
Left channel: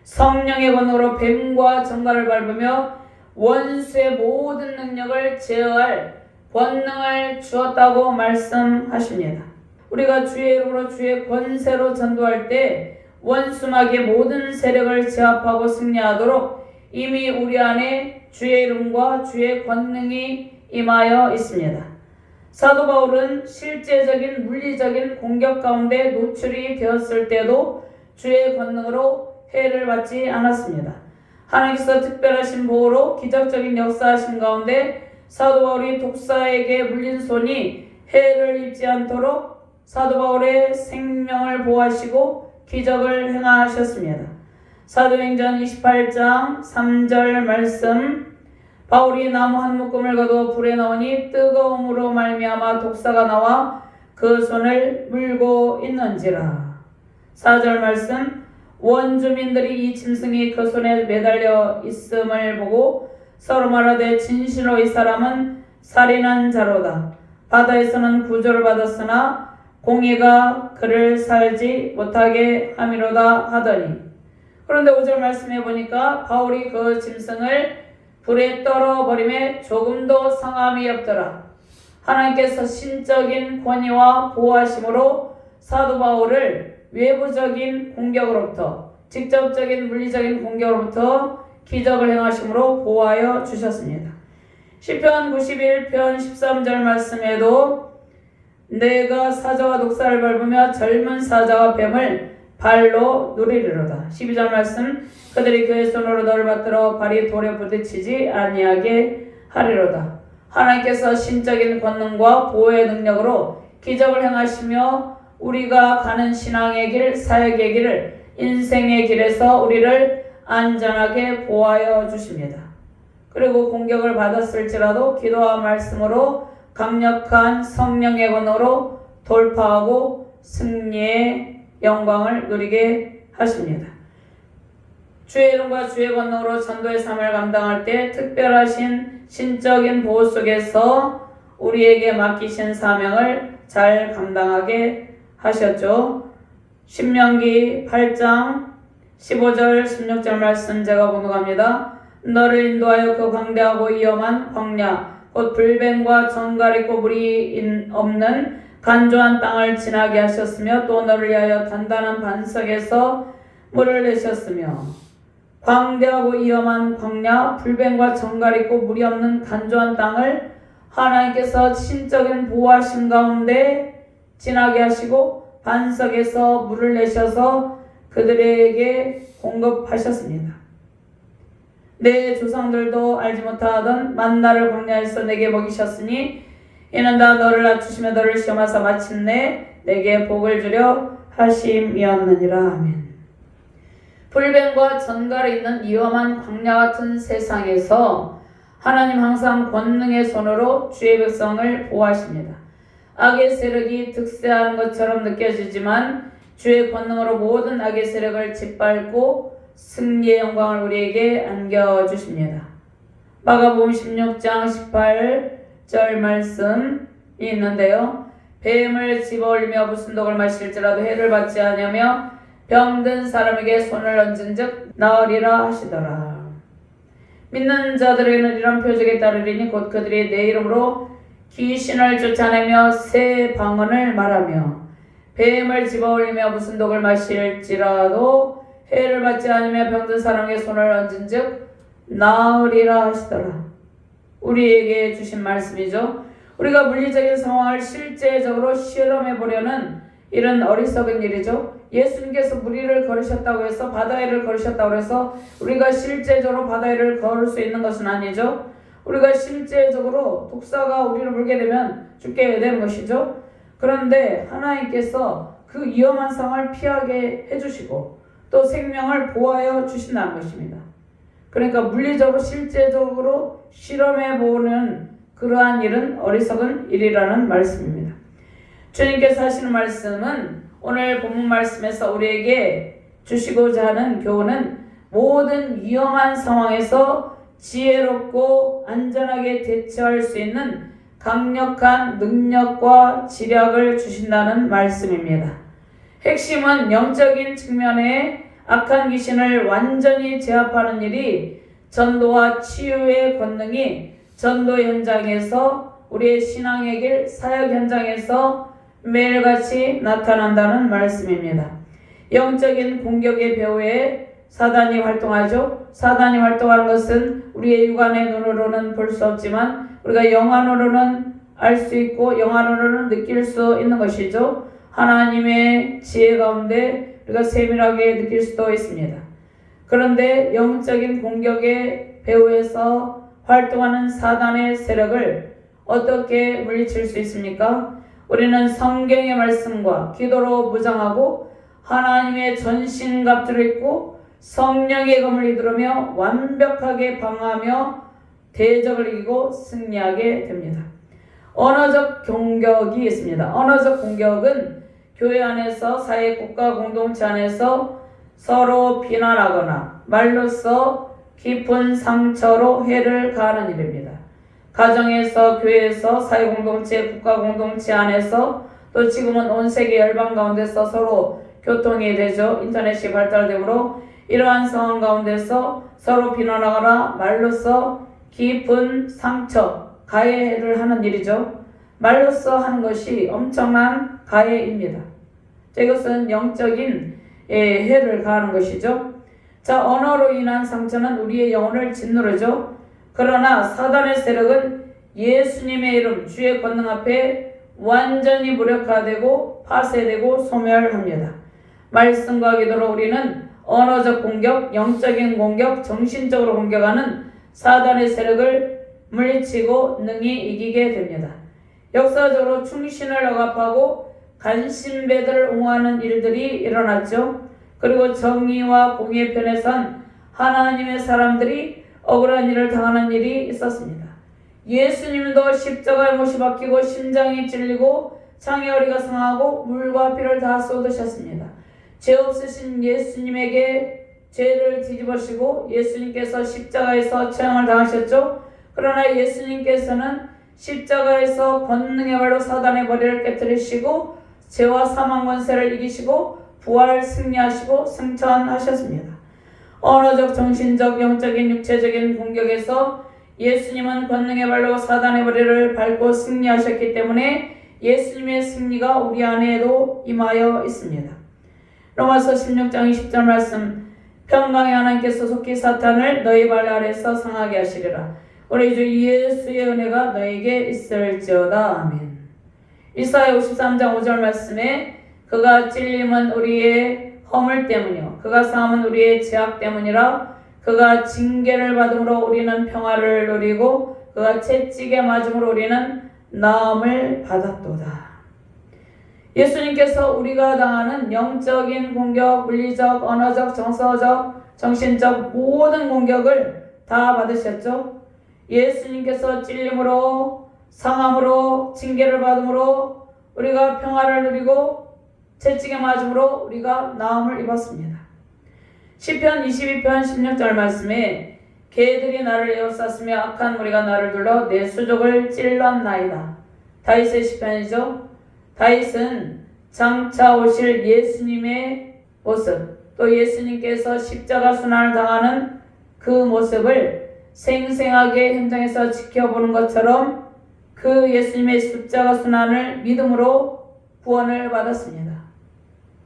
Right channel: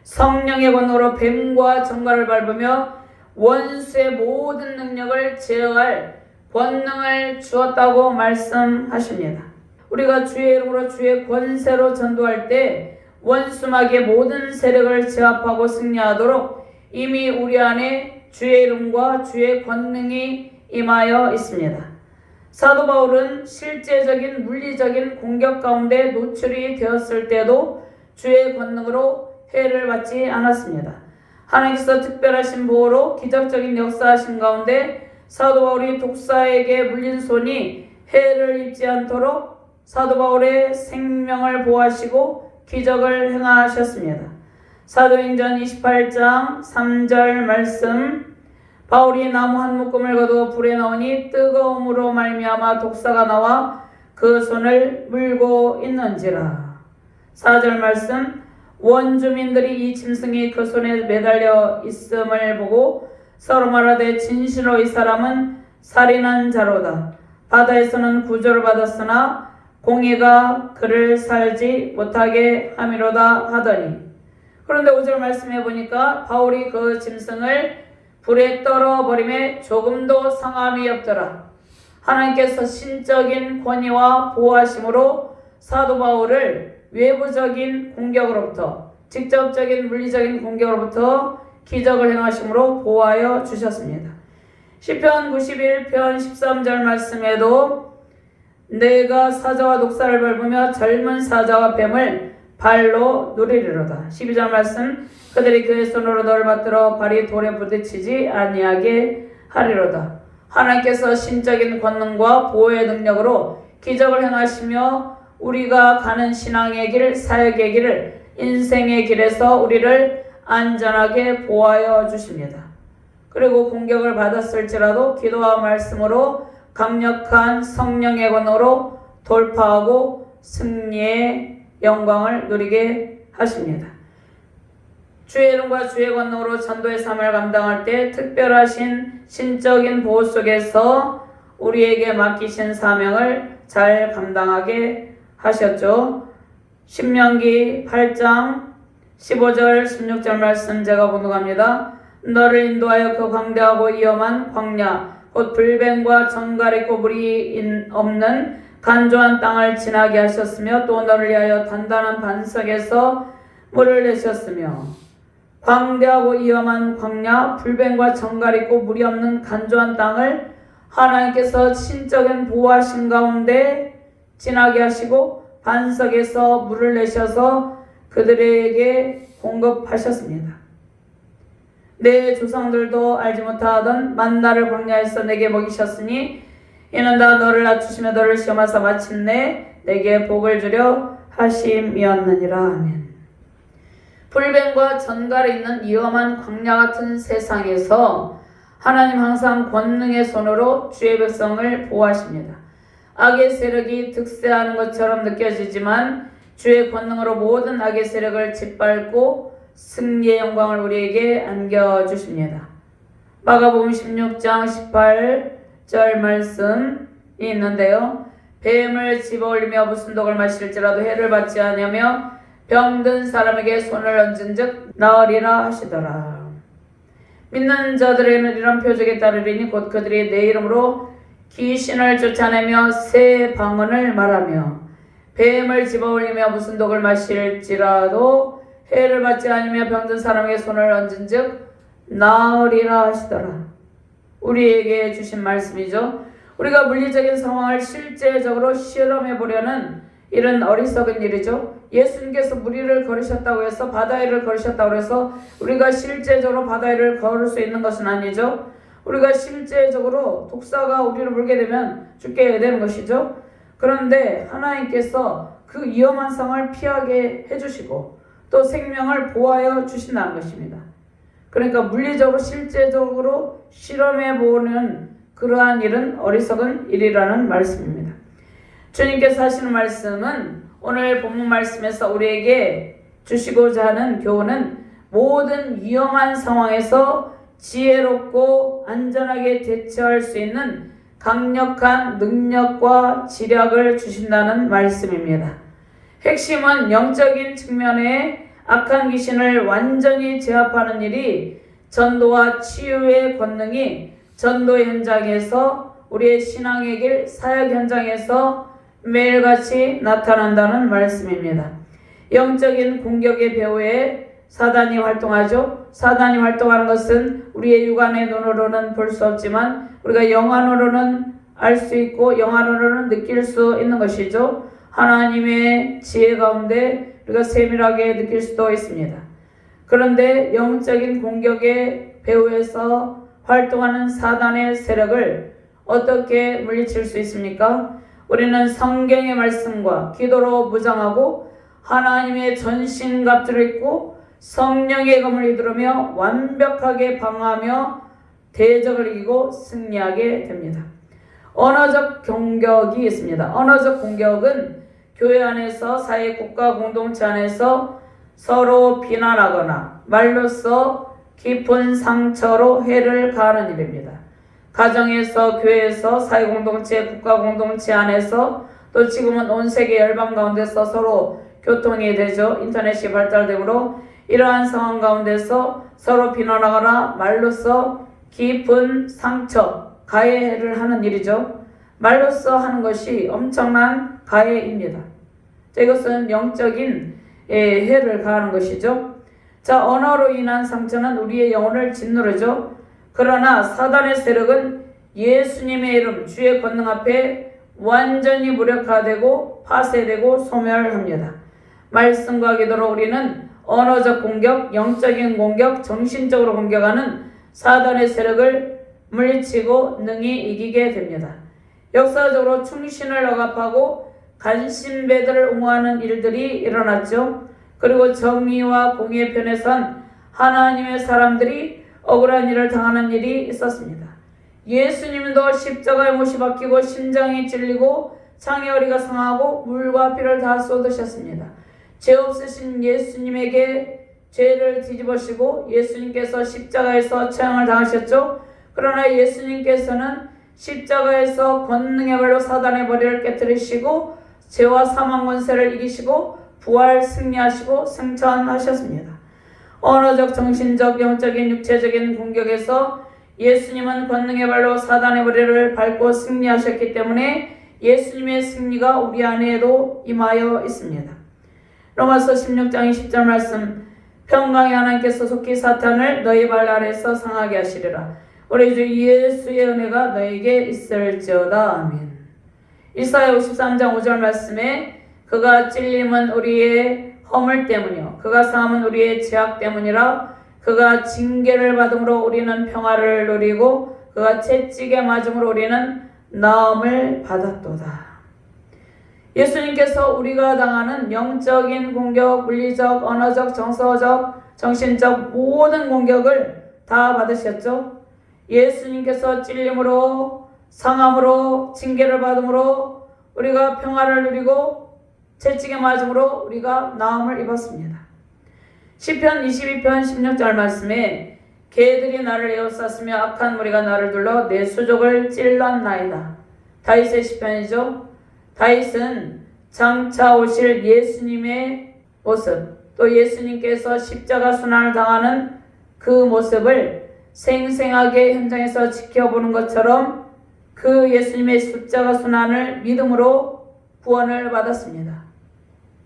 성령의 권능으로 뱀과 정갈을 밟으며 원수의 모든 능력을 제어할 권능을 주었다고 말씀하십니다. 우리가 주의 이름으로 주의 권세로 전도할 때 원수막의 모든 세력을 제압하고 승리하도록 이미 우리 안에 주의 이름과 주의 권능이 임하여 있습니다. 사도 바울은 실제적인 물리적인 공격 가운데 노출이 되었을 때도 주의 권능으로 해를 받지 않았습니다. 하나님께서 특별하신 보호로 기적적인 역사하신 가운데 사도 바울이 독사에게 물린 손이 해를 입지 않도록 사도 바울의 생명을 보호하시고 기적을 행하셨습니다. 사도행전 28장 3절 말씀, 바울이 나무 한 묶음을 거두어 불에 넣으니 뜨거움으로 말미암아 독사가 나와 그 손을 물고 있는지라. 4절 말씀, 원주민들이 이 짐승이 그 손에 매달려 있음을 보고 서로 말하되 진실로 이 사람은 살인한 자로다. 바다에서는 구조를 받았으나 공의가 그를 살지 못하게 함이로다 하더니. 그런데 5절 말씀해 보니까 바울이 그 짐승을 불에 떨어버림에 조금도 상함이 없더라. 하나님께서 신적인 권위와 보호하심으로 사도 바울을 외부적인 공격으로부터 직접적인 물리적인 공격으로부터 기적을 행하심으로 보호하여 주셨습니다. 시편 91편 13절 말씀에도 내가 사자와 독사를 밟으며 젊은 사자와 뱀을 발로 누리리로다. 12절 말씀, 그들이 그의 손으로 너를 받들어 발이 돌에 부딪히지 아니하게 하리로다. 하나님께서 신적인 권능과 보호의 능력으로 기적을 행하시며 우리가 가는 신앙의 길, 사역의 길을, 인생의 길에서 우리를 안전하게 보호하여 주십니다. 그리고 공격을 받았을지라도 기도와 말씀으로 강력한 성령의 권능으로 돌파하고 승리의 영광을 누리게 하십니다. 주의 이름과 주의 권능으로 전도의 삶을 감당할 때 특별하신 신적인 보호 속에서 우리에게 맡기신 사명을 잘 감당하게 하셨죠. 신명기 8장 15절 16절 말씀 제가 봉독합니다. 너를 인도하여 그 광대하고 위험한 광야 곧 불뱀과 정갈 있고 물이 없는 간조한 땅을 지나게 하셨으며 또 너를 위하여 단단한 반석에서 물을 내셨으며 광대하고 위험한 광야 불뱀과 정갈 있고 물이 없는 간조한 땅을 하나님께서 신적인 보호하신 가운데 지나게 하시고 반석에서 물을 내셔서 그들에게 공급하셨습니다. 내 조상들도 알지 못하던 만나를 광야에서 내게 먹이셨으니 이는 다 너를 낮추시며 너를 시험하사 마침내 내게 복을 주려 하심이었느니라. 아멘. 불뱀과 전갈에 있는 위험한 광야 같은 세상에서 하나님 항상 권능의 손으로 주의 백성을 보호하십니다. 악의 세력이 득세하는 것처럼 느껴지지만 주의 권능으로 모든 악의 세력을 짓밟고 승리의 영광을 우리에게 안겨주십니다. 마가복음 16장 18절 말씀이 있는데요. 뱀을 집어올리며 무슨 독을 마실지라도 해를 받지 아니하며 병든 사람에게 손을 얹은 즉 나으리라 하시더라. 믿는 자들에게는 이런 표적에 따르리니 곧 그들이 내 이름으로 귀신을 쫓아내며 새 방언을 말하며 뱀을 집어올리며 무슨 독을 마실지라도 해를 받지 않으며 병든 사람에게 손을 얹은 즉 나으리라 하시더라. 우리에게 주신 말씀이죠. 우리가 물리적인 상황을 실제적으로 실험해 보려는 이런 어리석은 일이죠. 예수님께서 물 위를 걸으셨다고 해서 바다 위를 걸으셨다고 해서 우리가 실제적으로 바다 위를 걸을 수 있는 것은 아니죠. 우리가 실제적으로 독사가 우리를 물게 되면 죽게 되는 것이죠. 그런데 하나님께서 그 위험한 상황을 피하게 해주시고 또 생명을 보호하여 주신다는 것입니다. 그러니까 물리적으로 실제적으로 실험해 보는 그러한 일은 어리석은 일이라는 말씀입니다. 주님께서 하시는 말씀은 오늘 본문 말씀에서 우리에게 주시고자 하는 교훈은 모든 위험한 상황에서 지혜롭고 안전하게 대처할 수 있는 강력한 능력과 지략을 주신다는 말씀입니다. 핵심은 영적인 측면에 악한 귀신을 완전히 제압하는 일이 전도와 치유의 권능이 전도 현장에서 우리의 신앙의 길 사역 현장에서 매일같이 나타난다는 말씀입니다. 영적인 공격의 배후에 사단이 활동하죠. 사단이 활동하는 것은 우리의 육안의 눈으로는 볼 수 없지만 우리가 영안으로는 알 수 있고 영안으로는 느낄 수 있는 것이죠. 하나님의 지혜 가운데 우리가 세밀하게 느낄 수도 있습니다. 그런데 영적인 공격의 배후에서 활동하는 사단의 세력을 어떻게 물리칠 수 있습니까? 우리는 성경의 말씀과 기도로 무장하고 하나님의 전신갑주를 입고 성령의 검을 휘두르며 완벽하게 방어하며 대적을 이기고 승리하게 됩니다. 언어적 공격이 있습니다. 언어적 공격은 교회 안에서 사회 국가 공동체 안에서 서로 비난하거나 말로써 깊은 상처로 해를 가하는 일입니다. 가정에서, 교회에서, 사회 공동체, 국가 공동체 안에서 또 지금은 온 세계 열방 가운데서 서로 교통이 되죠. 인터넷이 발달되므로 이러한 상황 가운데서 서로 비난하거나 말로써 깊은 상처, 가해를 하는 일이죠. 말로써 하는 것이 엄청난 가해입니다. 이것은 영적인 해를 가하는 것이죠. 자, 언어로 인한 상처는 우리의 영혼을 짓누르죠. 그러나 사단의 세력은 예수님의 이름, 주의 권능 앞에 완전히 무력화되고 파쇄되고 소멸합니다. 말씀과 기도로 우리는 언어적 공격, 영적인 공격, 정신적으로 공격하는 사단의 세력을 물리치고 능히 이기게 됩니다. 역사적으로 충신을 억압하고 간신배들을 옹호하는 일들이 일어났죠. 그리고 정의와 공의의 편에 선 하나님의 사람들이 억울한 일을 당하는 일이 있었습니다. 예수님도 십자가에 못이 박히고 심장이 찔리고 창의어리가 상하고 물과 피를 다 쏟으셨습니다. 죄 없으신 예수님에게 죄를 뒤집으시고 예수님께서 십자가에서 재앙을 당하셨죠. 그러나 예수님께서는 십자가에서 권능의 발로 사단의 머리를 깨뜨리시고 죄와 사망 권세를 이기시고 부활 승리하시고 승천하셨습니다. 언어적, 정신적, 영적인, 육체적인 공격에서 예수님은 권능의 발로 사단의 머리를 밟고 승리하셨기 때문에 예수님의 승리가 우리 안에도 임하여 있습니다. 로마서 16장 20절 말씀, 평강의 하나님께서 속히 사탄을 너희 발 아래서 상하게 하시리라. 우리 주 예수의 은혜가 너에게 있을지어다. 아멘. 이사야 53장 5절 말씀에 그가 찔림은 우리의 허물 때문이요 그가 상함은 우리의 죄악 때문이라. 그가 징계를 받음으로 우리는 평화를 누리고 그가 채찍에 맞음으로 우리는 나음을 받았도다. 예수님께서 우리가 당하는 영적인 공격, 물리적, 언어적, 정서적, 정신적 모든 공격을 다 받으셨죠. 예수님께서 찔림으로, 상함으로, 징계를 받음으로 우리가 평화를 누리고 채찍에 맞음으로 우리가 나음을 입었습니다. 시편 22편 16절 말씀에 개들이 나를 에워쌌으며 악한 무리가 나를 둘러 내 수족을 찔렀나이다. 다윗의 시편이죠. 다윗은 장차 오실 예수님의 모습, 또 예수님께서 십자가 순환을 당하는 그 모습을 생생하게 현장에서 지켜보는 것처럼 그 예수님의 십자가 순환을 믿음으로 구원을 받았습니다.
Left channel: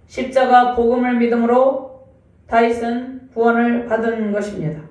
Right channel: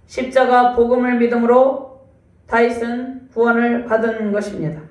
십자가 복음을 믿음으로 다윗은 구원을 받은 것입니다.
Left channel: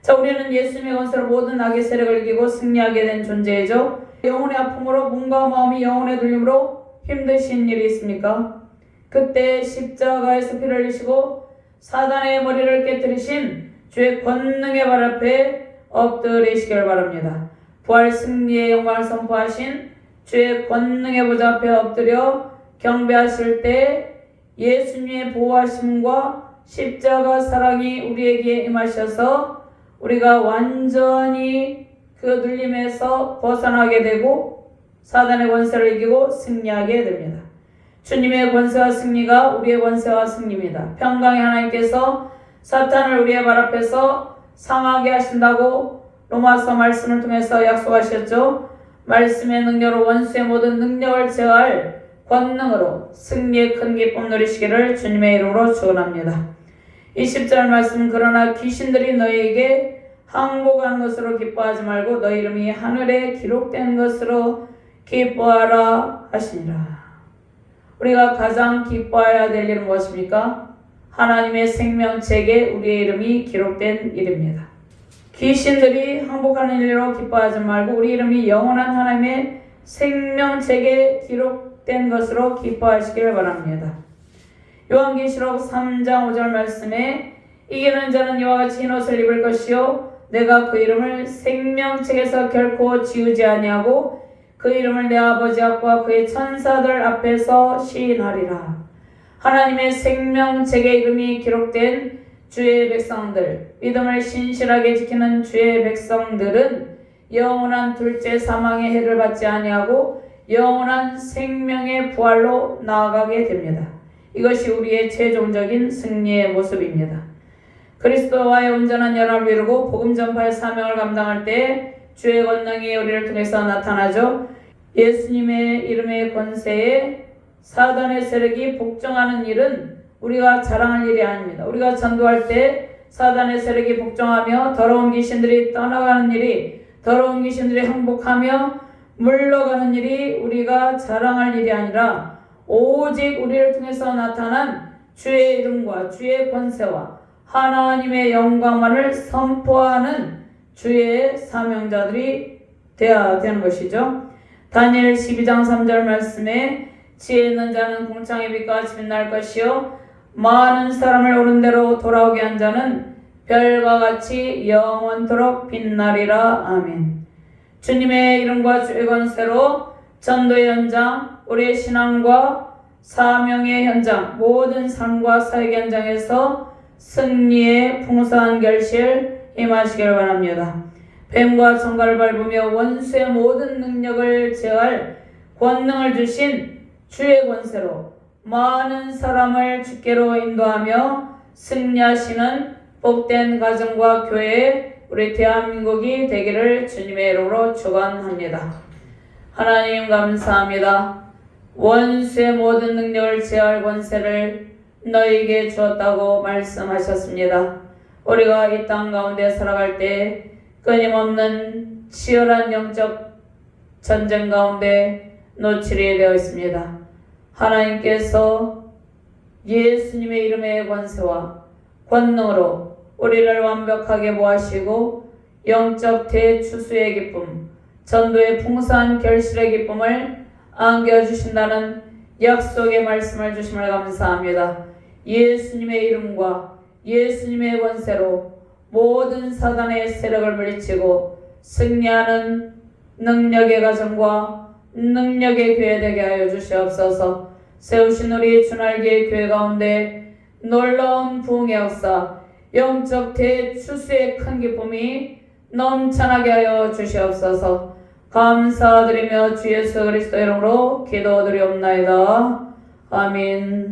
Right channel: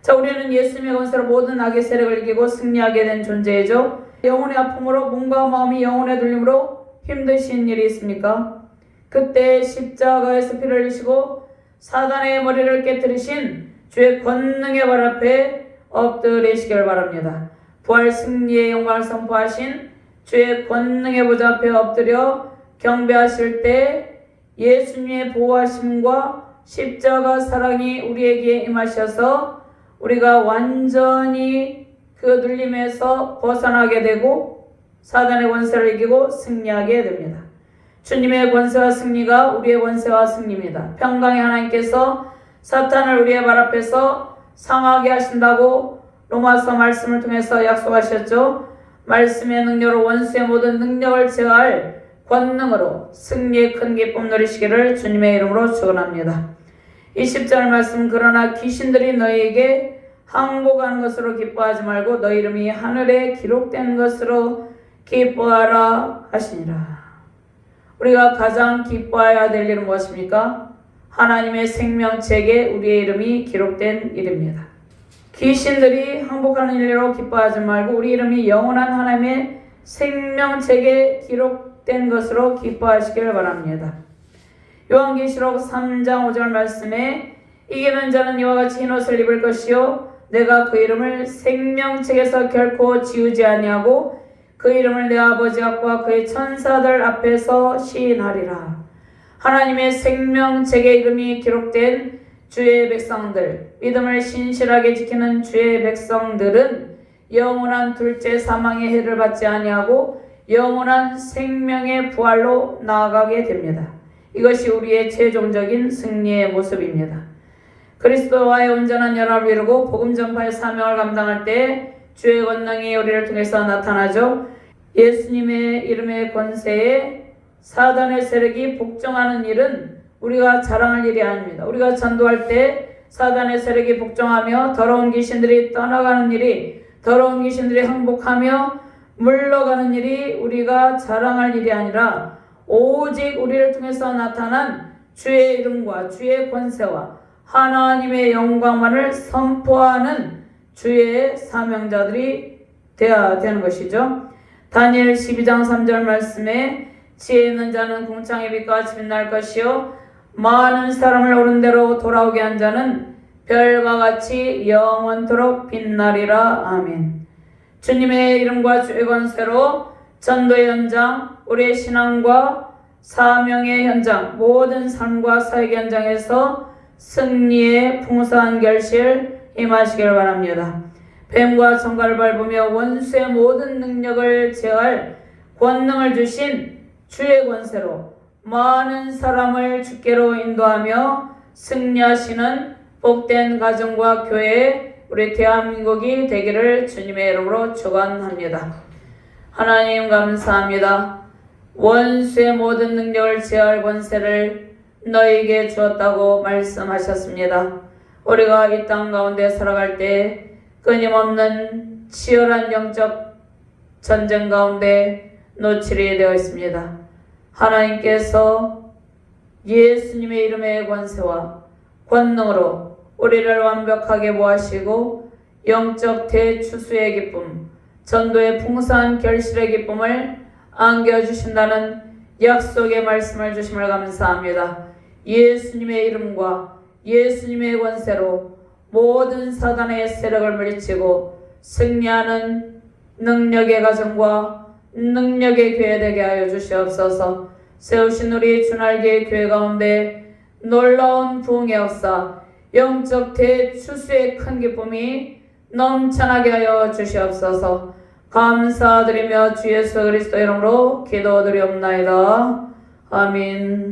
자, 우리는 예수님의 권세로 모든 악의 세력을 이기고 승리하게 된 존재이죠. 영혼의 아픔으로 몸과 마음이 영혼의 눌림으로 힘드신 일이 있습니까? 그때 십자가에서 피를 흘리시고 사단의 머리를 깨뜨리신 주의 권능의 발 앞에 엎드리시길 바랍니다. 부활 승리의 영광을 선포하신 주의 권능의 보좌 앞에 엎드려 경배하실 때 예수님의 보호하심과 십자가 사랑이 우리에게 임하셔서 우리가 완전히 그 눌림에서 벗어나게 되고 사단의 권세를 이기고 승리하게 됩니다. 주님의 권세와 승리가 우리의 권세와 승리입니다. 평강의 하나님께서 사탄을 우리의 발 앞에서 상하게 하신다고 로마서 말씀을 통해서 약속하셨죠. 말씀의 능력으로 원수의 모든 능력을 제어할 권능으로 승리의 큰 기쁨 누리시기를 주님의 이름으로 축원합니다. 20절 말씀, 그러나 귀신들이 너희에게 항복하는 것으로 기뻐하지 말고 너희 이름이 하늘에 기록된 것으로 기뻐하라 하시니라. 우리가 가장 기뻐해야 될 일은 무엇입니까? 하나님의 생명책에 우리의 이름이 기록된 일입니다. 귀신들이 항복하는 일로 기뻐하지 말고 우리 이름이 영원한 하나님의 생명책에 기록된 것으로 기뻐하시길 바랍니다. 요한계시록 3장 5절 말씀에 이기는 자는 이와 같이 흰 옷을 입을 것이요 내가 그 이름을 생명책에서 결코 지우지 아니하고 그 이름을 내 아버지 앞과 그의 천사들 앞에서 시인하리라. 하나님의 생명책에 이름이 기록된 주의 백성들, 믿음을 신실하게 지키는 주의 백성들은 영원한 둘째 사망의 해를 받지 아니하고 영원한 생명의 부활로 나아가게 됩니다. 이것이 우리의 최종적인 승리의 모습입니다. 그리스도와의 온전한 연합을 이루고 복음 전파의 사명을 감당할 때 주의 권능이 우리를 통해서 나타나죠. 예수님의 이름의 권세에 사단의 세력이 복종하는 일은 우리가 자랑할 일이 아닙니다. 우리가 전도할 때 사단의 세력이 복종하며 더러운 귀신들이 떠나가는 일이, 더러운 귀신들이 항복하며 물러가는 일이 우리가 자랑할 일이 아니라 오직 우리를 통해서 나타난 주의 이름과 주의 권세와 하나님의 영광만을 선포하는 주의 사명자들이 되어야 되는 것이죠. 다니엘 12장 3절 말씀에 지혜 있는 자는 궁창의 빛과 같이 빛날 것이요 많은 사람을 옳은 대로 돌아오게 한 자는 별과 같이 영원토록 빛나리라. 아멘. 주님의 이름과 주의 권세로 전도의 현장, 우리의 신앙과 사명의 현장, 모든 삶과 사역의 현장에서 승리의 풍성한 결실 임하시길 바랍니다. 뱀과 청갈을 밟으며 원수의 모든 능력을 제어할 권능을 주신 주의 권세로 많은 사람을 주께로 인도하며 승리하시는 복된 가정과 교회, 우리 대한민국이 되기를 주님의 이름으로 축원합니다. 하나님 감사합니다. 원수의 모든 능력을 제어할 권세를 너희에게 주었다고 말씀하셨습니다. 우리가 이 땅 가운데 살아갈 때 끊임없는 치열한 영적 전쟁 가운데 노출이 되어 있습니다. 하나님께서 예수님의 이름의 권세와 권능으로 우리를 완벽하게 모하시고 영적 대추수의 기쁨, 전도의 풍성한 결실의 기쁨을 안겨주신다는 약속의 말씀을 주심을 감사합니다. 예수님의 이름과 예수님의 권세로 모든 사단의 세력을 물리치고 승리하는 능력의 가정과 능력의 교회 되게 하여 주시옵소서. 세우신 우리 주날개의 교회 가운데 놀라운 부흥의 역사, 영적 대추수의 큰 기쁨이 넘쳐나게 하여 주시옵소서. 감사드리며 주 예수 그리스도 이름으로 기도드리옵나이다. 아멘.